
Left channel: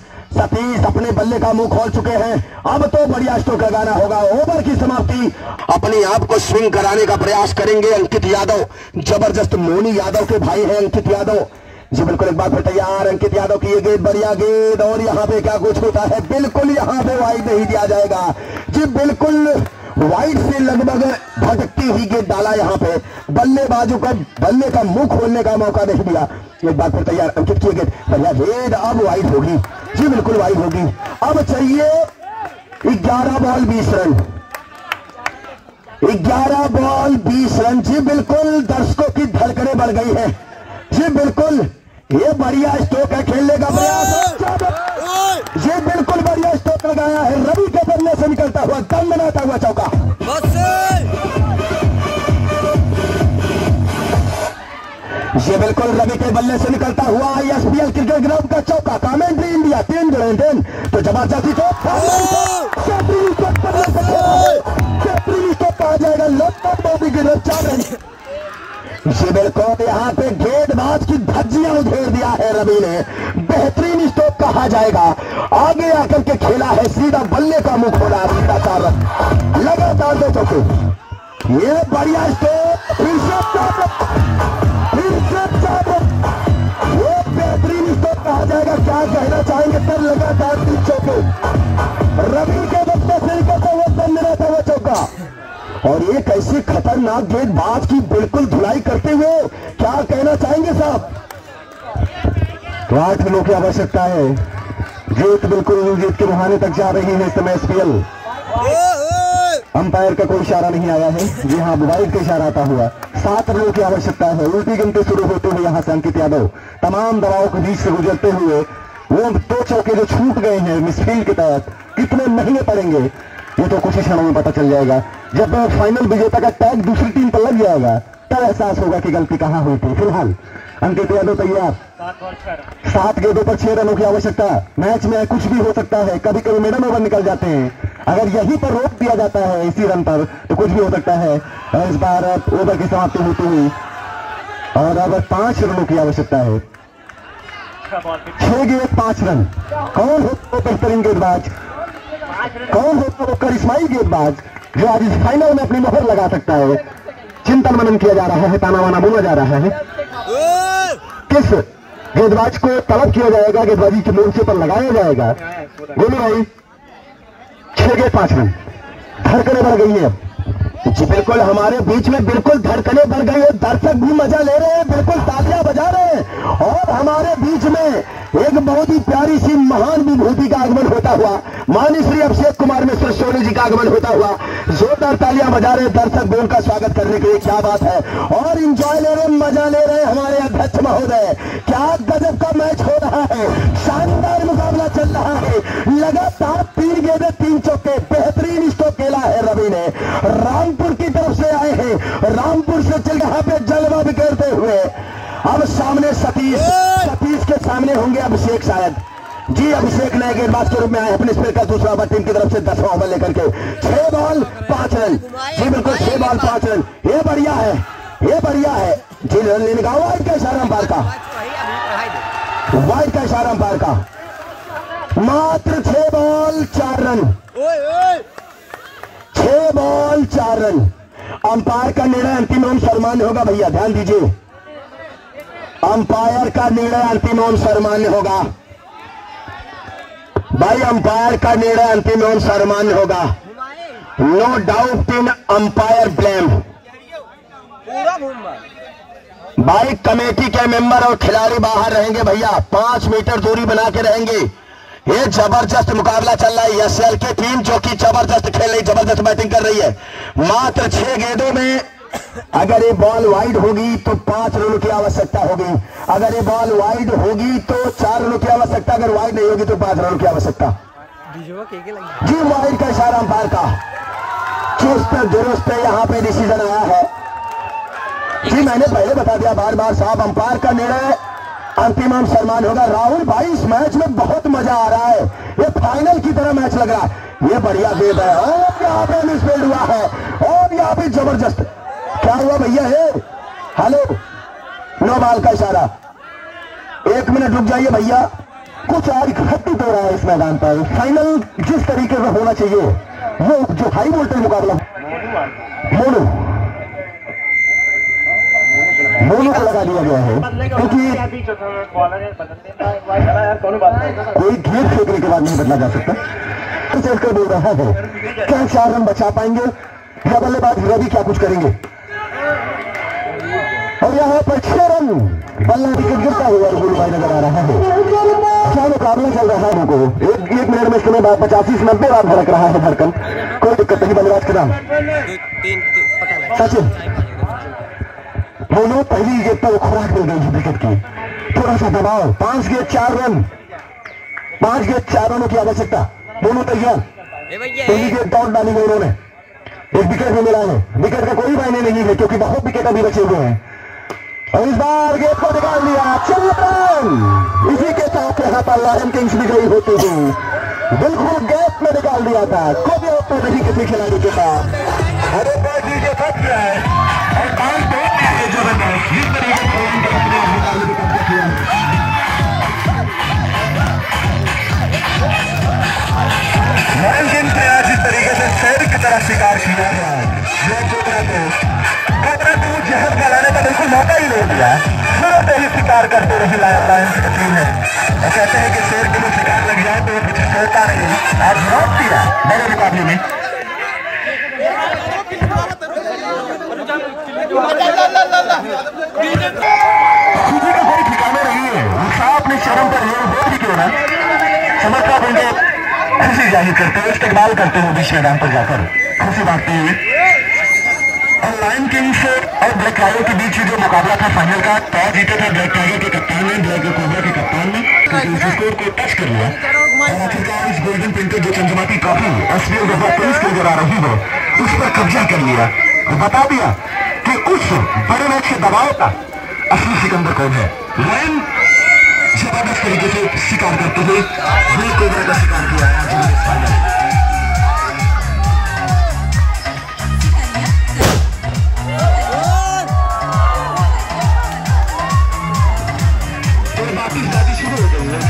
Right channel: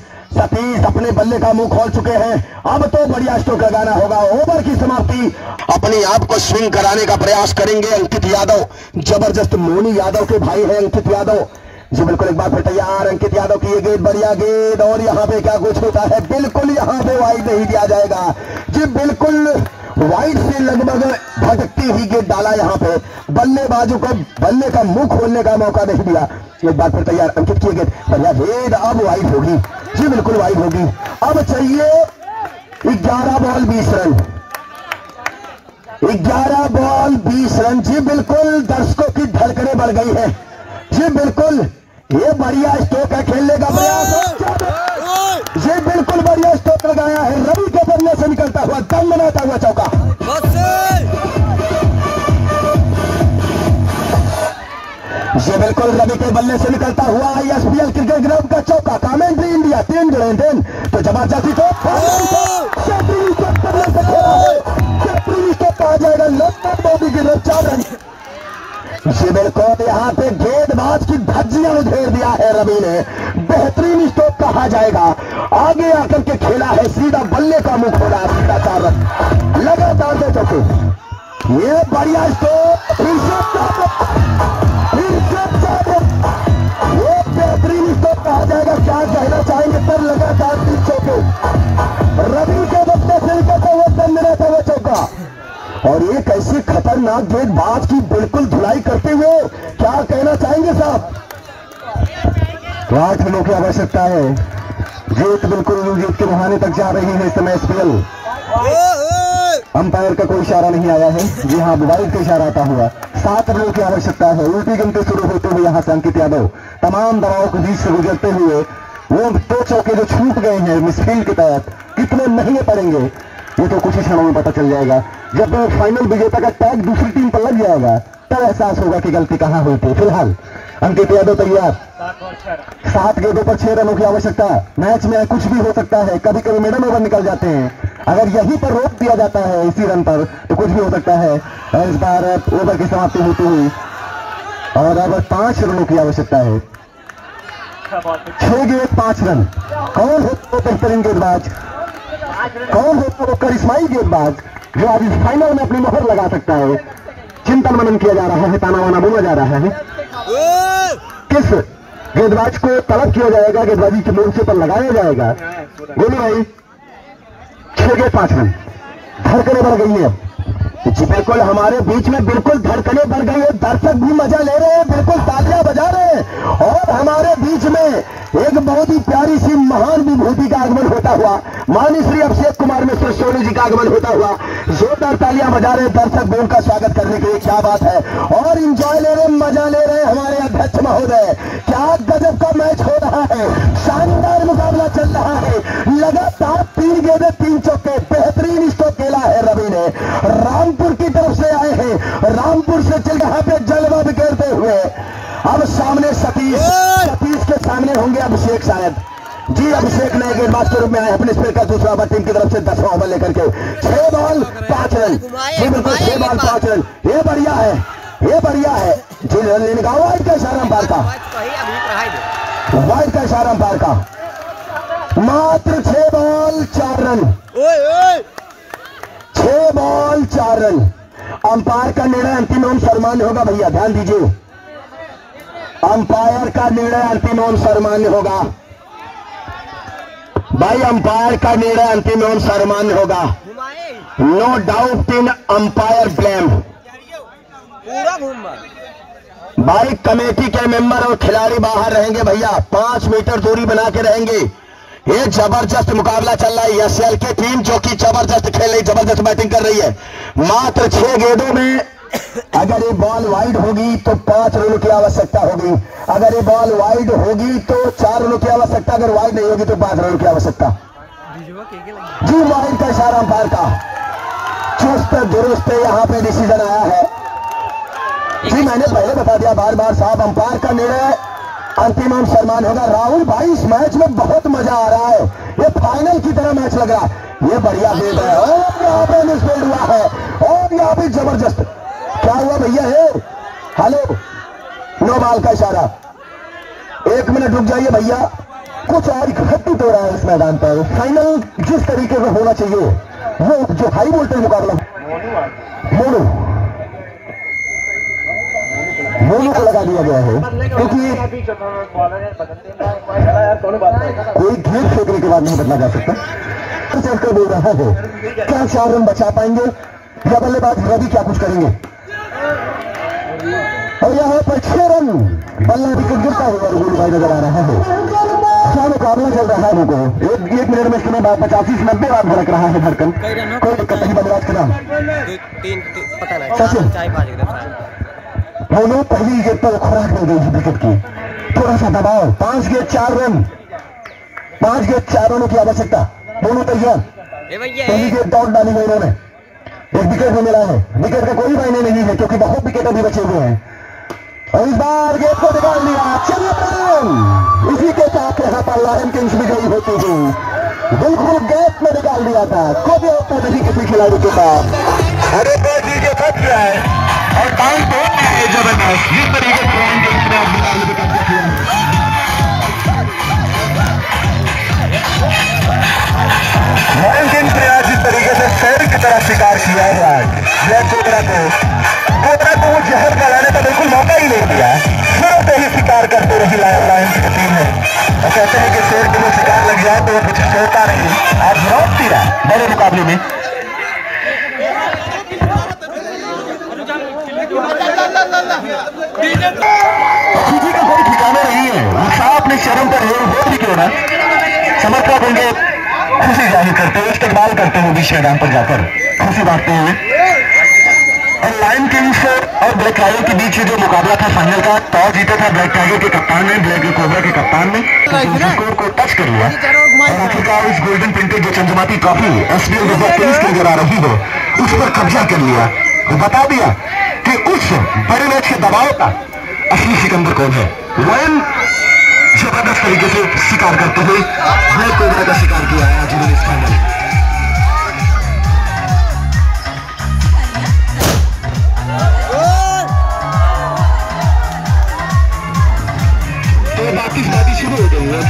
अपने बल्ले का मुंह खोल चुके हैं, अब तो बढ़िया स्ट्रोक लगाना होगा। ओवर की समाप्ति, अपने आप को स्विंग कराने का प्रयास करेंगे अंकित यादव, जबरदस्त मोनी यादव के भाई हैं अंकित यादव जी, बिल्कुल एक बार फिर तैयार, अंकित यादव की ये गेंद बढ़िया गेंद और यहाँ पे क्या कुछ होता है, बिल्कुल यहाँ पे वाइड नहीं दिया जाएगा जी, बिल्कुल वाइड से लगभग भटकती हुई गेंद डाला, यहाँ पे बल्लेबाजों को बल्ले का मुंह खोलने का मौका नहीं दिया। एक बार फिर तैयार, अंकित की गेंद बढ़िया गेंद, अब वाइड होगी जी, बिल्कुल वाइड होगी। अब चाहिए 11 बॉल 20 रन, 11 बॉल 20 रन जी, बिल्कुल दर्शकों की धड़कनें बढ़ गई है जी, बिल्कुल ये बढ़िया स्ट्रोक है, खेलने का प्रयास ये बिल्कुल बढ़िया स्ट्रोक लगाया है, रवि के बल्ले से निकलता हुआ दम बनाता हुआ चौका, ये बिल्कुल रवि के बल्ले से निकलता हुआ एसपीएल क्रिकेट ग्राउंड का चौका, कमेंट्री इंडिया 3 तो जबरदस्ती कहा जाएगा, लंदन बॉबी की 4 रन जी, बिल्कुल यहाँ पे गेंदबाज की धज्जियां उधेड़ दिया है रवि ने, बेहतरीन स्ट्रोक कहा जाएगा, आगे आकर के खेला है, सीधा बल्ले का मुंह खोला, सीधा 4 रन लगातार 2 चौके, ये बढ़िया स्ट्रोक, फिर से 4 रन, ये बेहतरीन स्ट्रोक कहा जाएगा, क्या कहना चाहेंगे सर, लगातार 3 चौके, रवि के बच्चे से निकलता हुआ दम रहता हुआ चौका, और ये कैसी खतरनाक गेंदबाज की बिल्कुल धुलाई करते हुए, क्या कहना चाहेंगे साहब। तो 8 रनों की आवश्यकता है, जीत बिल्कुल जीत के मुहाने तक जा रही है इस समय एसपीएल। अंपायर का कोई इशारा नहीं आया है जी, हाँ वाइड का इशारा आता हुआ, 7 रनों की आवश्यकता है, उल्टी गिनती शुरू होते हुए यहाँ से अंकित यादव तमाम दबाव के बीच से गुजरते हुए वो 2 चौके जो छूट गए हैं मिसफील्ड के तहत कितने महंगे पड़ेंगे ये तो कुछ ही क्षणों में पता चल जाएगा। जब फाइनल विजेता का टैग दूसरी टीम पर लग जाएगा तब एहसास होगा कि गलती कहां हुई थी। फिलहाल अंकित यादव तैयार, 7 गेंदों पर 6 रनों की आवश्यकता। मैच में कुछ भी हो सकता है, कभी कभी मिडल ओवर निकल जाते हैं, अगर यहीं पर रोक दिया जाता है इसी रन पर तो कुछ भी हो सकता है। इस बार ओवर की समाप्ति होती हुई और अब 5 रनों की आवश्यकता है, 6 गेंद 5 रन। कौन है बेहतरीन गेंदबाज? कौन होता है वो करिश्माई गेंदबाज जो आज इस फाइनल में अपनी मोहर लगा सकता है? चिंतन मनन किया जा रहा है, ताना वाना बोला जा रहा है। किस गेंदबाज को तलब किया जाएगा, गेंदबाजी के मोर्चे पर लगाया जाएगा? बोलो भाई, 6-5 रन। धड़कने बढ़ गई है जी, बिल्कुल हमारे बीच में बिल्कुल धड़कने बढ़ गई है। दर्शक भी मजा ले रहे हैं, बिल्कुल तालियां बजा रहे हैं। और हमारे बीच में एक बहुत ही प्यारी सी महान विभूति का आगमन होता हुआ, माननीय श्री अभिषेक कुमार मिश्र सोनी जी का आगमन होता हुआ जोरदार तालियां बजा रहे दर्शक भी उनका स्वागत करने के लिए। क्या बात है, और इंजॉय ले रहे, मजा ले रहे हमारे अध्यक्ष महोदय। क्या गजब का मैच हो रहा है, शानदार मुकाबला चल रहा है। लगातार 3 गेंदें 3 चौके, बेहतरीन स्ट्रोक खेला है रवि ने। रामपुर की तरफ से आए हैं, रामपुर से चल यहाँ पे जलवा बिखेरते हुए। अब सामने सतीश के सामने होंगे अभिषेक शायद जी। अभिषेक नए गेंदबाज के रूप में आए अपने स्पेयर का दूसरा ओवर टीम की तरफ से 10वां ओवर लेकर के। 6 बॉल 5 रन जी, बिल्कुल 6 बॉल 5 रन। ये बढ़िया है, ये बढ़िया है जी। रन लेने का वाइड का इशारा अंपायर का, वाइड का इशारा अंपायर का। मात्र 6 ball 4 run, 6 ball 4 run. Umpire का निर्णय अंतिम एवं सर्वमान्य होगा भैया, ध्यान दीजिए। अंपायर का निर्णय अंतिम एवं सर्वमान्य होगा भाई, अंपायर का निर्णय अंतिम एवं सर्वमान्य होगा। No doubt in umpire blame. भाई कमेटी के मेंबर और खिलाड़ी बाहर रहेंगे भैया, 5 मीटर दूरी बना के रहेंगे। ये जबरदस्त मुकाबला चल रहा है। एसएल की टीम जो कि जबरदस्त खेल रही, जबरदस्त बैटिंग कर रही है। मात्र 6 गेंदों में अगर ये बॉल वाइड होगी तो 5 रनों की आवश्यकता होगी। अगर ये बॉल वाइड होगी तो 4 रनों की आवश्यकता, अगर वाइड नहीं होगी तो 5 रनों की आवश्यकता जी। वाइड का इशारा अंपायर का, चुस्त दुरुस्त यहाँ पे डिसीजन आया है जी। मैंने पहले बता दिया बार बार साहब, अंपायर का निर्णय अंतिम एवं सम्मान होगा। राहुल भाई इस मैच में बहुत मजा आ रहा है, ये फाइनल की तरह मैच लग रहा है। ये बढ़िया गेंद है और यहाँ पे मिसफील्ड हुआ है और यहाँ पे जबरदस्त। क्या हुआ भैया? है हेलो, नो बॉल का इशारा। 1 मिनट रुक जाइए भैया, कुछ और घटित हो रहा है इस मैदान पर। फाइनल जिस तरीके से होना चाहिए, वो जो हाई वोल्टेज मुकाबला, मोनू को लगा दिया गया है क्योंकि कोई धूप फेंकने के बाद नहीं बदला जा सकता। कर बोल रहा है क्या 4 रन बचा पाएंगे या बल्लेबाज रवि क्या कुछ करेंगे? और यहाँ पर 6 रन, बल्ला विकेट गिरता हुआ गुरु भाई नजर आ रहा है। क्या मुकाबला चल रहा है उनको? 1 मिनट में इसके बाद 85 से 90 बार भड़क रहा है धड़कन। कोई दिक्कत नहीं, बल्लेबाज का नाम सचिन। दोनों पहली गेंद पर खुराक मिल गई विकेट की, थोड़ा सा दबाव। 5 गेंद 4 रन, 5 गेंद 4 रनों की आवश्यकता। दोनों तैयार, पहली गेंद दौड़ डाली है उन्होंने, 1 विकेट में मिला है। विकेट का कोई मायने नहीं है क्योंकि बहुत विकेट अभी बचे हुए हैं। और इस बार गेंद को निकाल दिया, 4 रन। इसी के साथ यहाँ पर लायन किंग्स भी गई होती थी, बिल्कुल गैप में निकाल दिया था। कोई होता नहीं किसी खिलाड़ी के पास। अरे बैटी के फट गया है और पांच दो इस तरीके से जिस तरीके से शहर की तरफ शिकार किया हुआ है कोबरा को वो जहर गवाने का बिल्कुल मौका ही नहीं दिया। फिर ही शिकार करते रही कहते हैं कि शोर को शिकार लग जाए तो वो कुछ सोचता नहीं है। मेरे मुकाबले में अपने चरण पर भी क्यों ना समझता देंगे, खुशी जाहिर करते हुए, इस्तेमाल करते हुए बीच मैदान पर जाकर खुशी बांटते हुए। और लायन किंग्स और ब्लैक टाइगर के बीच जो मुकाबला था फाइनल का, टॉस जीता था ब्लैक टाइगर के कप्तान ने, ब्लैक कोबरा के कप्तान ने स्कोर को टच कर लिया और आखिरकार इस गोल्डन प्रिंटेड जो चंद्रमाती ट्रॉफी एसबीआई पुलिस की नजर आ रही है उस पर कब्जा कर लिया। तो बता दिया कि उस बड़े मैच के दबाव का असली सिकंदर कौन है। लायन जबरदस्त तरीके से शिकार करते हुए ब्लैक कोबरा का शिकार किया है जिन्होंने इस फाइनल शुरू हो गई है।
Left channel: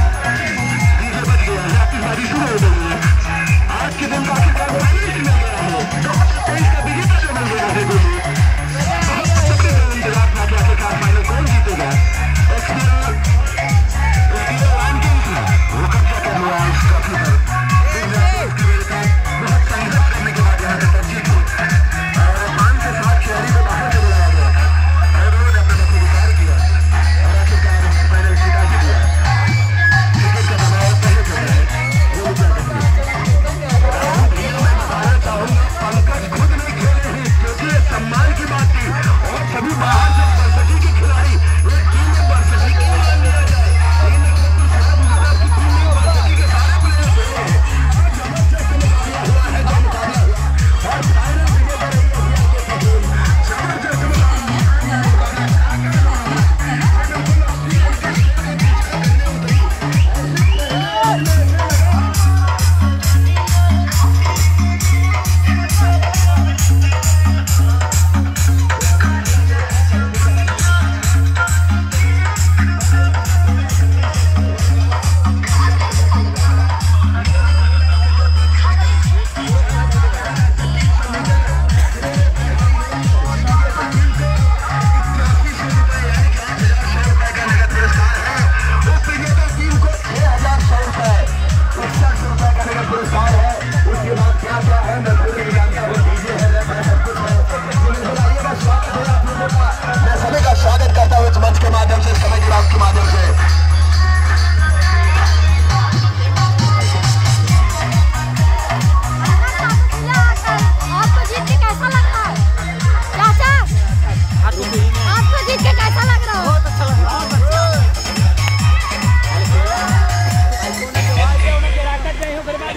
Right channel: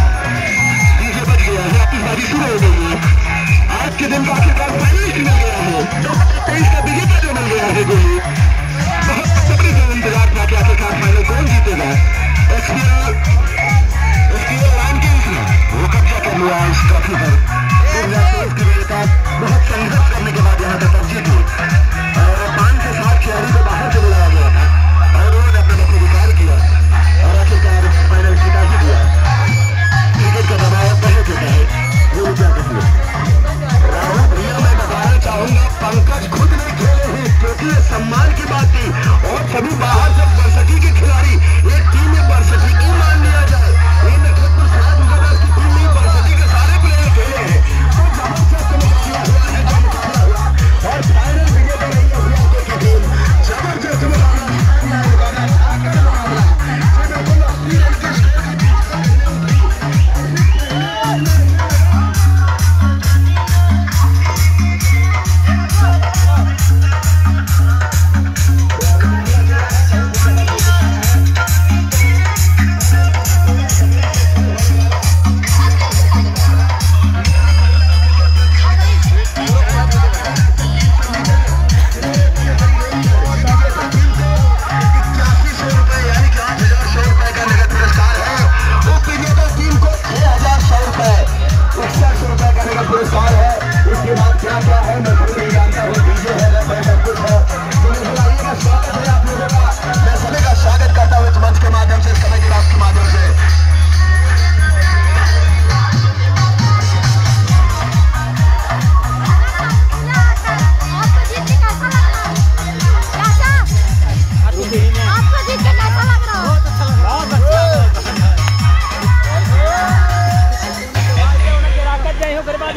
और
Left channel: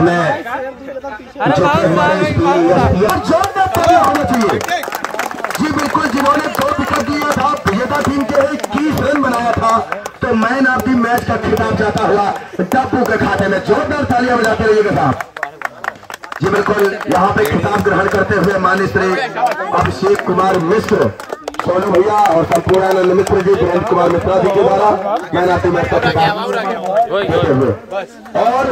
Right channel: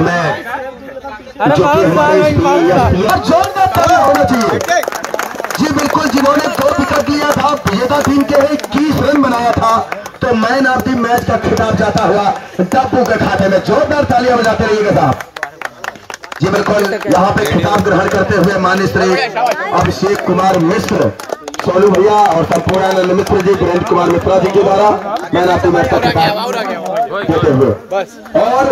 मैं जो कि जोरदार ताली होना चाहिए जी। बिल्कुल, जिन्होंने 2 विकेट लिया था, विजेता टीम के 21 रन बनाया था, तो मैन ऑफ द मैच का खिताब जाता हुआ डब्बू के खाते में। जोरदार तालियां बजाते रहिएगा साहब जी। बिल्कुल, यहाँ पे खिताब ग्रहण करते हुए माननीय श्री अभिषेक कुमार मिश्र, सोनू भैया, हम संपूर्णानंद मिश्र जी, वीरेंद्र कुमार मिश्रा जी के द्वारा मैन ऑफ द मैच का खिताब देते हुए। और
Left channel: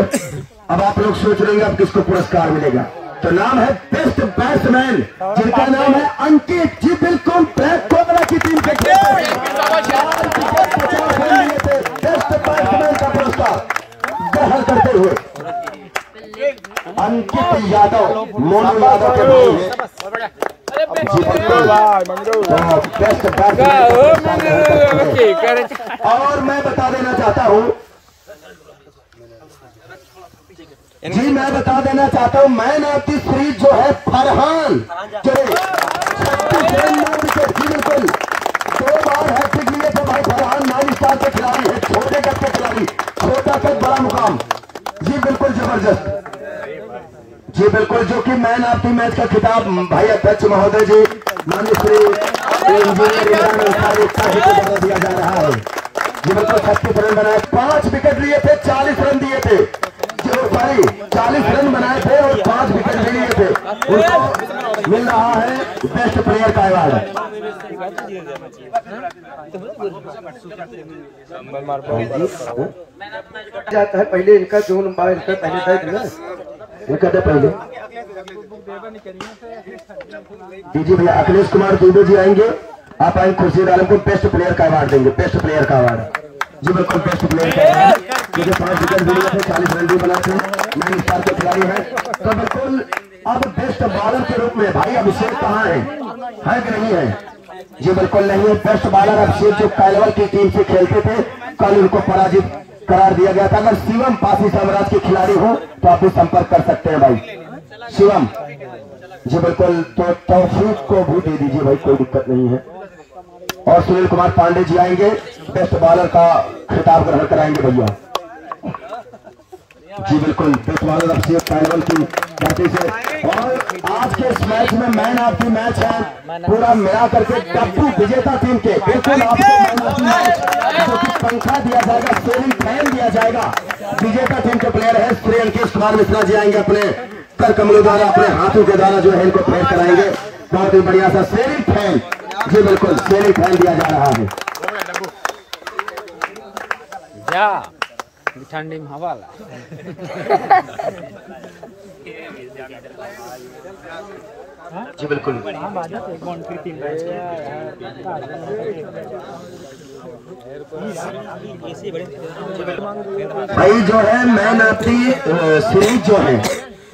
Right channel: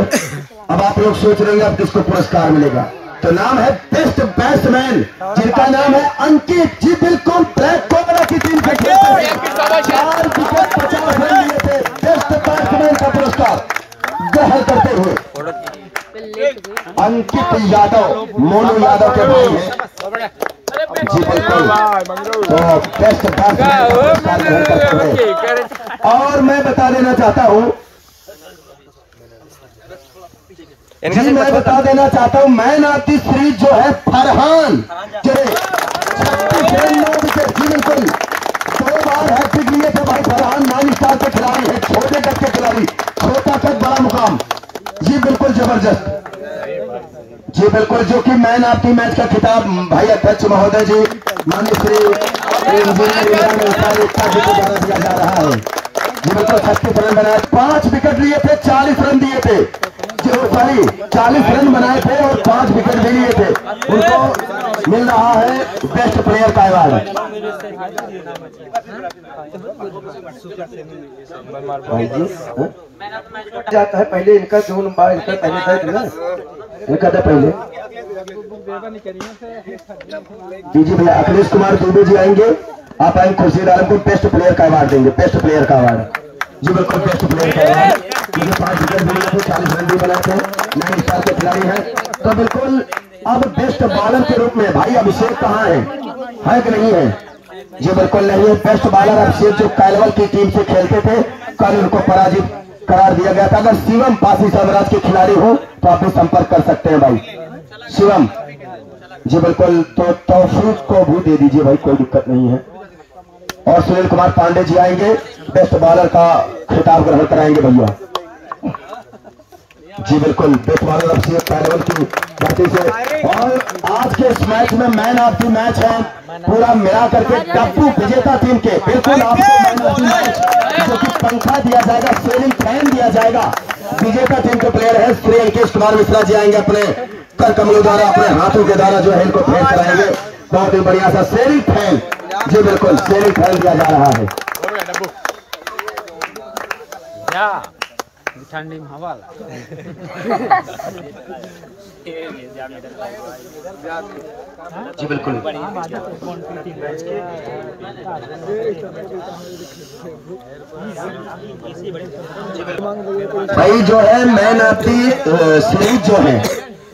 अब आप लोग सोच रहे होंगे अब किसको पुरस्कार मिलेगा, तो नाम है बेस्ट बैट्समैन, जिनका नाम है अंकित जी। बिल्कुल, ब्लैक कोबरा की टीम के 4 विकेट 50 रन लिए थे। बेस्ट बैट्समैन का पुरस्कार ग्रहण करते हुए अंकित यादव, मोनू यादव के भाई हैं जी। बिल्कुल, बेस्ट बैट्समैन का पुरस्कार ग्रहण करते हुए। और मैं बता देना चाहता हूँ जी, मैं बता देना चाहता हूँ मैन ऑफ द सीरीज जो है फरहान, जो 36 रन 9 विकेट जी। बिल्कुल, 2 बार हैट्रिक लिए थे भाई फरहान। 9 स्टार के खिलाड़ी है, छोटे कद के खिलाड़ी, छोटा कद बड़ा मुकाम जी। बिल्कुल जबरदस्त जी। बिल्कुल, जो कि मैन ऑफ द मैच का खिताब भाई अध्यक्ष महोदय जी माननीय श्री दिया जा रहा है जी। बिल्कुल, 36 रन बनाए, 5 विकेट लिए थे, 40 रन दिए थे, 40 रन बनाए थे और 5 विकेट भी लिए थे। उनको मिल रहा है बेस्ट प्लेयर का अवार्ड। जाता है पहले इनका जो नंबर इनका पहले दे ना, इनका दे पहले जी भैया। अखिलेश कुमार दुबे जी आएंगे, आप आएंगे खुर्शीद आलम को बेस्ट प्लेयर का अवार्ड देंगे, बेस्ट प्लेयर का अवार्ड जी। बिल्कुल, बेस्ट प्लेयर का अवार्ड, क्योंकि 5 विकेट भी लिए थे, 40 रन भी बनाए थे, 9 स्टार के खिलाड़ी है। तो बिल्कुल, अब बेस्ट बॉलर के रूप में भाई अभिषेक कहाँ है कि नहीं है जी? बिल्कुल नहीं है। बेस्ट बॉलर अभिषेक जो कैलवल की टीम से खेलते थे, कल उनको पराजित करार दिया गया था। अगर शिवम पासी साम्राज्य के खिलाड़ी हो तो आप भी संपर्क कर सकते हैं भाई शिवम जी। बिल्कुल, तो तौफीक को भी दे दीजिए भाई, कोई दिक्कत नहीं है। और सुनील कुमार पांडे जी आएंगे, बेस्ट बॉलर का खिताब ग्रहण कराएंगे भैया जी। बिल्कुल, बेस्ट बॉलर अभिषेक कैलवल की धरती से। और आज के इस मैच में मैन ऑफ द मैच है पूरा मिला करके डब्बू विजेता टीम के। बिल्कुल, आपको मैन ऑफ द मैच पंखा दिया जाएगा, सीलिंग फैन दिया जाएगा। विजेता टीम के प्लेयर है श्री अंकित कुमार मिश्रा जी आएंगे, अपने कर कमलों द्वारा, अपने हाथों के द्वारा जो है इनको फेयर कराएंगे। बहुत ही बढ़िया सा सीलिंग फैन जी। बिल्कुल, सीलिंग फैन दिया जा रहा है ठंडी में हवा जी। बिल्कुल, भाई जो है मैन ऑफ द सीरीज जो है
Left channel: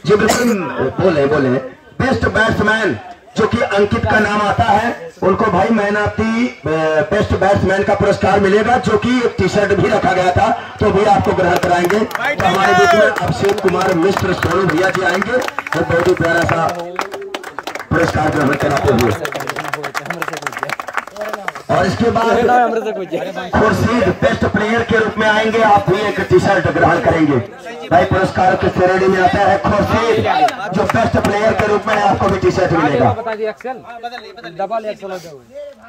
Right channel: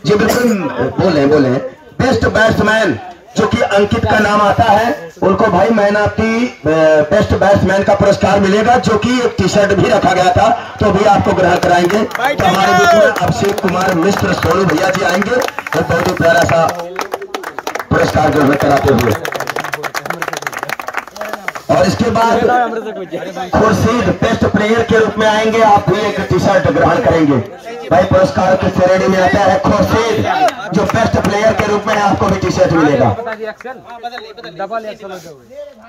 जी। बिल्कुल, बोले बेस्ट बैट्समैन जो कि अंकित का नाम आता है, उनको भाई man of the best batsman का पुरस्कार मिलेगा, जो कि एक टी शर्ट भी रखा गया था, तो भी आपको ग्रहण कराएंगे। तो हमारे बीच में अभिषेक कुमार मिश्र सोनू भैया जी आएंगे, एक बहुत ही प्यारा सा पुरस्कार ग्रहण कराते हुए। और इसके बाद खुर्शीद बेस्ट प्लेयर के रूप में आएंगे, आप भी एक टी शर्ट ग्रहण करेंगे भाई। पुरस्कार की श्रेणी में आता है खुर्शीद, जो बेस्ट प्लेयर के रूप में आपको भी टी शर्ट मिलेगा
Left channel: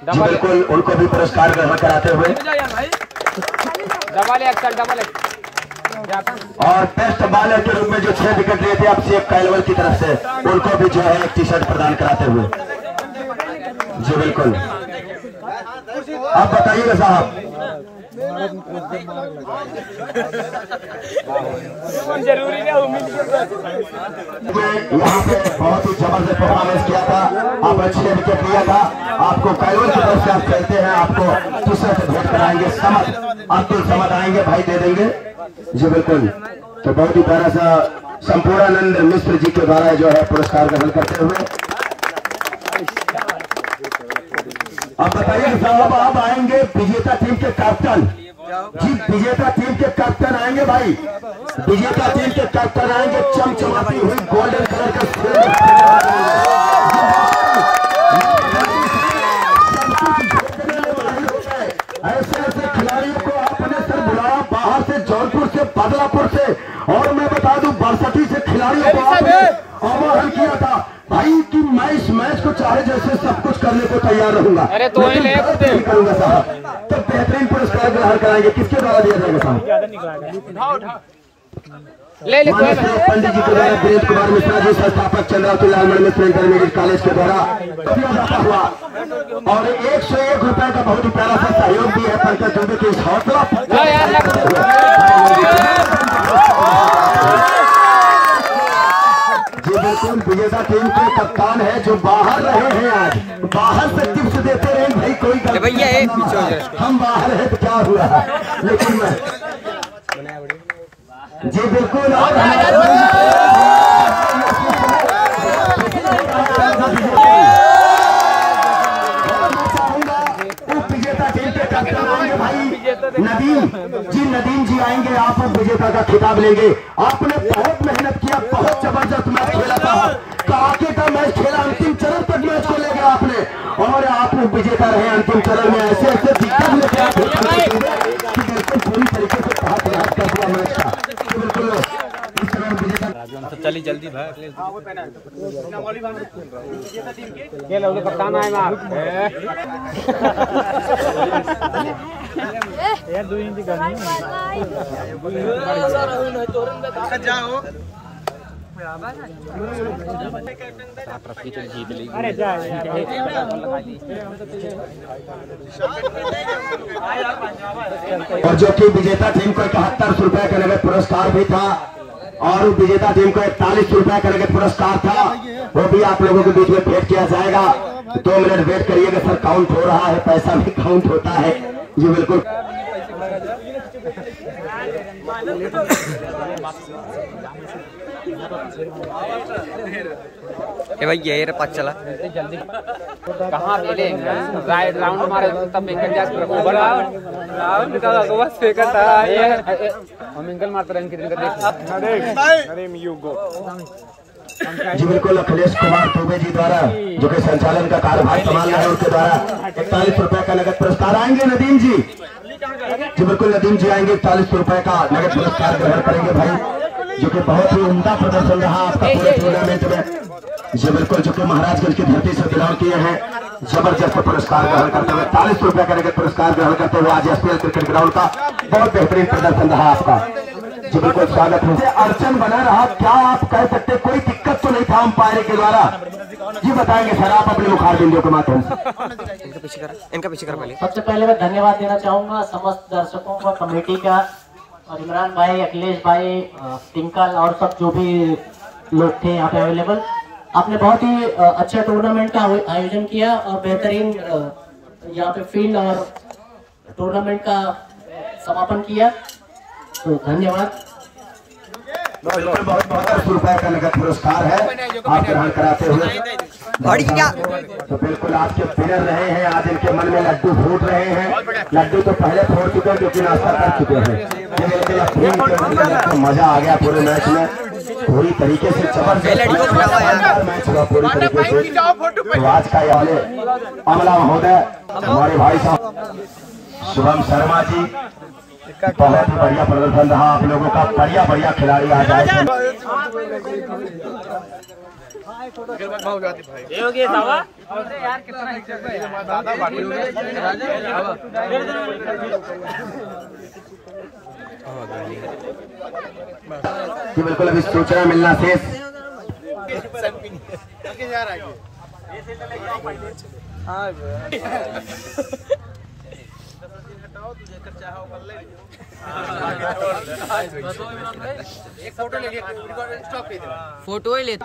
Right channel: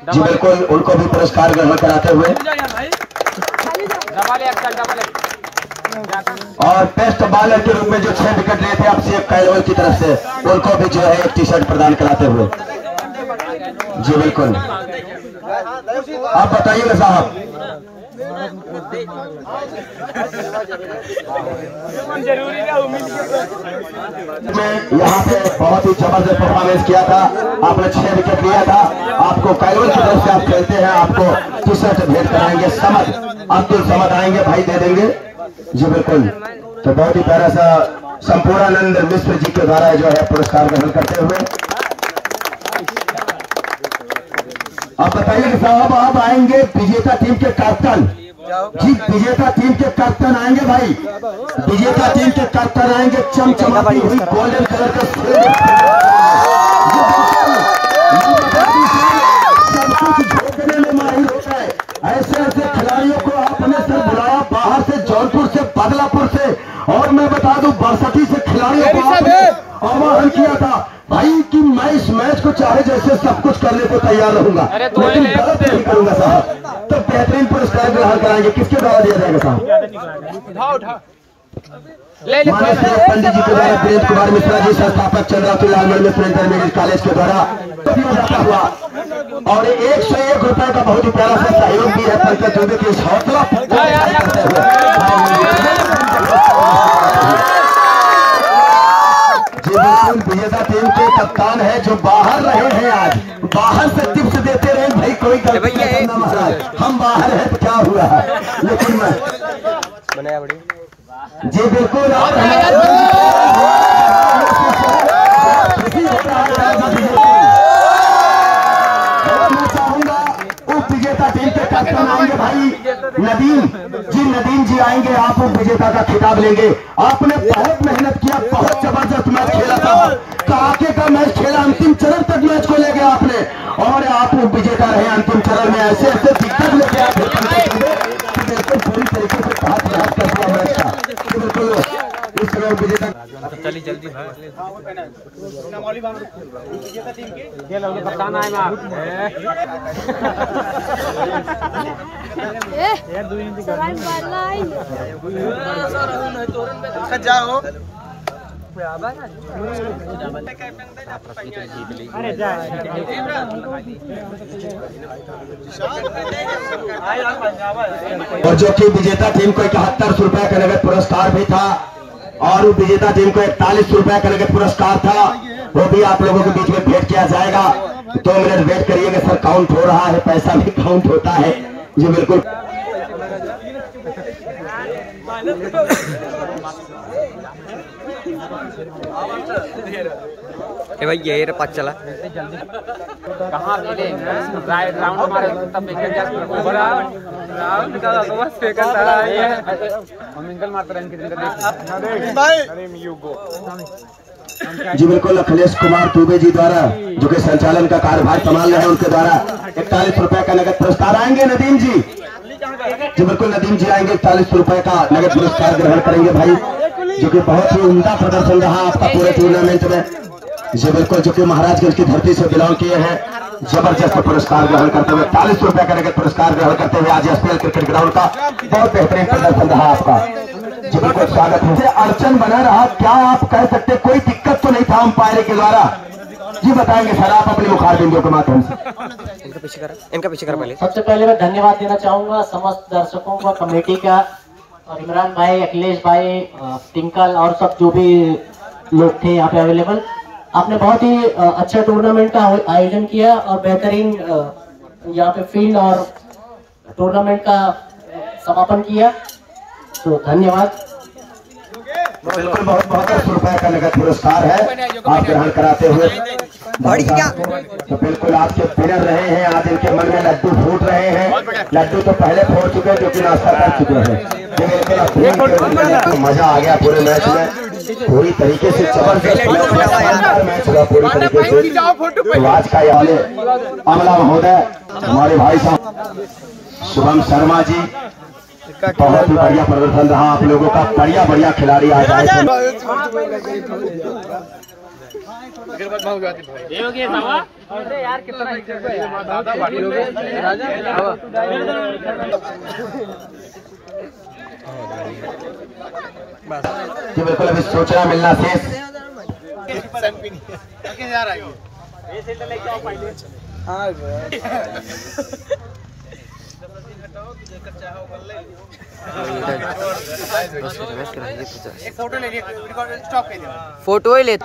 जी। बिल्कुल, उनको भी पुरस्कार ग्रहण कराते हुए। और बेस्ट बॉलर के रूप में जो 6 विकेट लिए थे अभिषेक कैलवल की तरफ से, उनको भी जो है एक टी शर्ट प्रदान कराते हुए। जी बिल्कुल। आप बताइएगा साहब। यहाँ पे बहुत ही जबरदस्त परफॉर्मेंस किया था आपने, 6 विकेट लिया था। आपको कैलवन की तरफ से आप चलते हैं, आपको टी-शर्ट भेंट कराएंगे, समझ अब्दुल समझ आएंगे भाई, दे देंगे। जी बिल्कुल। तो बहुत ही प्यारा सा संपूर्णानंद मिश्र जी के द्वारा जो है पुरस्कार ग्रहण करते हुए अब बताइए साहब, आप आएंगे विजेता टीम के कैप्टन जी, विजेता टीम के कैप्टन आएंगे भाई, विजेता टीम के कैप्टन आएंगे चमचमाती हुई गोल्डन कलर के ऐसे ऐसे खिलाड़ियों को आपने सर बुलाया बाहर से, जौनपुर से, बदलापुर से, और मैं बता दूं बासठी से खिलाड़ियों को आपने आह्वान किया था भाई कि मैं इस मैच को चाहे जैसे सब कुछ करने को तैयार रहूंगा, लेकिन गलत नहीं करूंगा साहब। तब बेहतरीन पुरस्कार ग्रहण कराएंगे, किसके द्वारा दिया जाएगा साहब? पंडित जी के द्वारा वीरेंद्र कुमार मिश्रा जी, संस्थापक चंद्रावती लाल मिश्र इंटरमीडिएट कॉलेज के द्वारा दिया जाता हुआ, और 101 रुपए का बहुत ही प्यारा सा सहयोग भी है पंकज चौधरी के हौसला जी बिल्कुल। विजेता टीम के कप्तान है जो बाहर रहे हैं, आज बाहर से टिप्स देते रहे भाई, कोई भैया हम बाहर है तो क्या हुआ, लेकिन बनाया बड़ी जी बिल्कुल। और विजेता टीम के कैप्टन आएंगे भाई नदीम जी आएंगे, आप विजेता का खिताब लेंगे। आपने बहुत मेहनत किया, बहुत जबरदस्त मैच खेला था, कड़ाके का मैच खेला, अंतिम चरण तक मैच को ले गया आपने, और आप विजेता रहे अंतिम चरण में। ऐसे ऐसे दिक्कत लेके बिल्कुल पूरी तरीके से हाथ खराब कर दिया मैच का, बिल्कुल इस तरह विजेता। चलिए जल्दी जाओ। और जो कि विजेता टीम को 71 रुपए का नगद पुरस्कार भी था, और विजेता टीम को 41 रुपए का नगद पुरस्कार था, वो भी आप लोगों के बीच में भेंट किया जाएगा। 2 मिनट वेट करिएगा सर, काउंट हो रहा है, पैसा भी काउंट होता है जी बिल्कुल। भाई ये पास चला कहाँ मिले राउंड हमारे तब जी बिल्कुल। अखिलेश कुमार दुबे जी द्वारा जो कि संचालन का कार्यभार संभाल रहे हैं, उनके द्वारा 41 रुपए का नगद पुरस्कार आएंगे नदीम जी बिल्कुल। नदीम जी आएंगे, 41 रुपए का नगद पुरस्कार ग्रहण करेंगे भाई, जो कि बहुत ही उम्दा प्रदर्शन रहा आपका पूरे टूर्नामेंट में जी बिल्कुल। जो कि महाराजगंज की धरती से बिलोंग किए हैं, जबरदस्त पुरस्कार ग्रहण करते हुए 40 रुपए का नगद पुरस्कार ग्रहण करते हुए आज एसपीएल क्रिकेट ग्राउंड का बहुत बेहतरीन प्रदर्शन रहा आपका जी बिल्कुल। स्वागत है। अड़चन बना रहा, क्या आप कह सकते, कोई दिक्कत तो नहीं था अंपायर के द्वारा जी? बताएंगे सर आप अपने मुखार बिंदुओं के माध्यम से। इनका पीछे करा पहले। सबसे पहले मैं धन्यवाद देना चाहूंगा समस्त दर्शकों का, कमेटी का, और इमरान भाई, अखिलेश भाई, टिंकल और सब जो भी लोग थे यहाँ पे अवेलेबल। आपने बहुत ही अच्छा टूर्नामेंट का आयोजन किया और बेहतरीन यहाँ पे फील्ड और टूर्नामेंट का समापन किया, तो धन्यवाद। बिल्कुल। बहुत 10 रुपए का नगद पुरस्कार है आप ग्रहण कराते हुए क्या? तो बिल्कुल आपके विनर रहे हैं, आज इनके मन में लड्डू फूट रहे हैं। लड्डू तो पहले फोड़ चुके हैं, जो कि नाश्ता कर चुके हैं, लेकिन मजा आ गया पूरे मैच में, पूरी तरीके से लड़ी को फटावा यार मैच हुआ पूरी तरीके से। तो आज का वाले अमला महोदय, हमारे भाई साहब शुभम शर्मा जी, बहुत ही बढ़िया प्रदर्शन रहा आप लोगों का, बढ़िया खिलाड़ी आज आए। जी बिल्कुल। अभी सूचना मिलना शेष एक फोटो ले लिया स्टॉप कर दे फोटो ही ले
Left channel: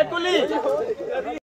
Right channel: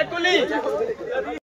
एक कुली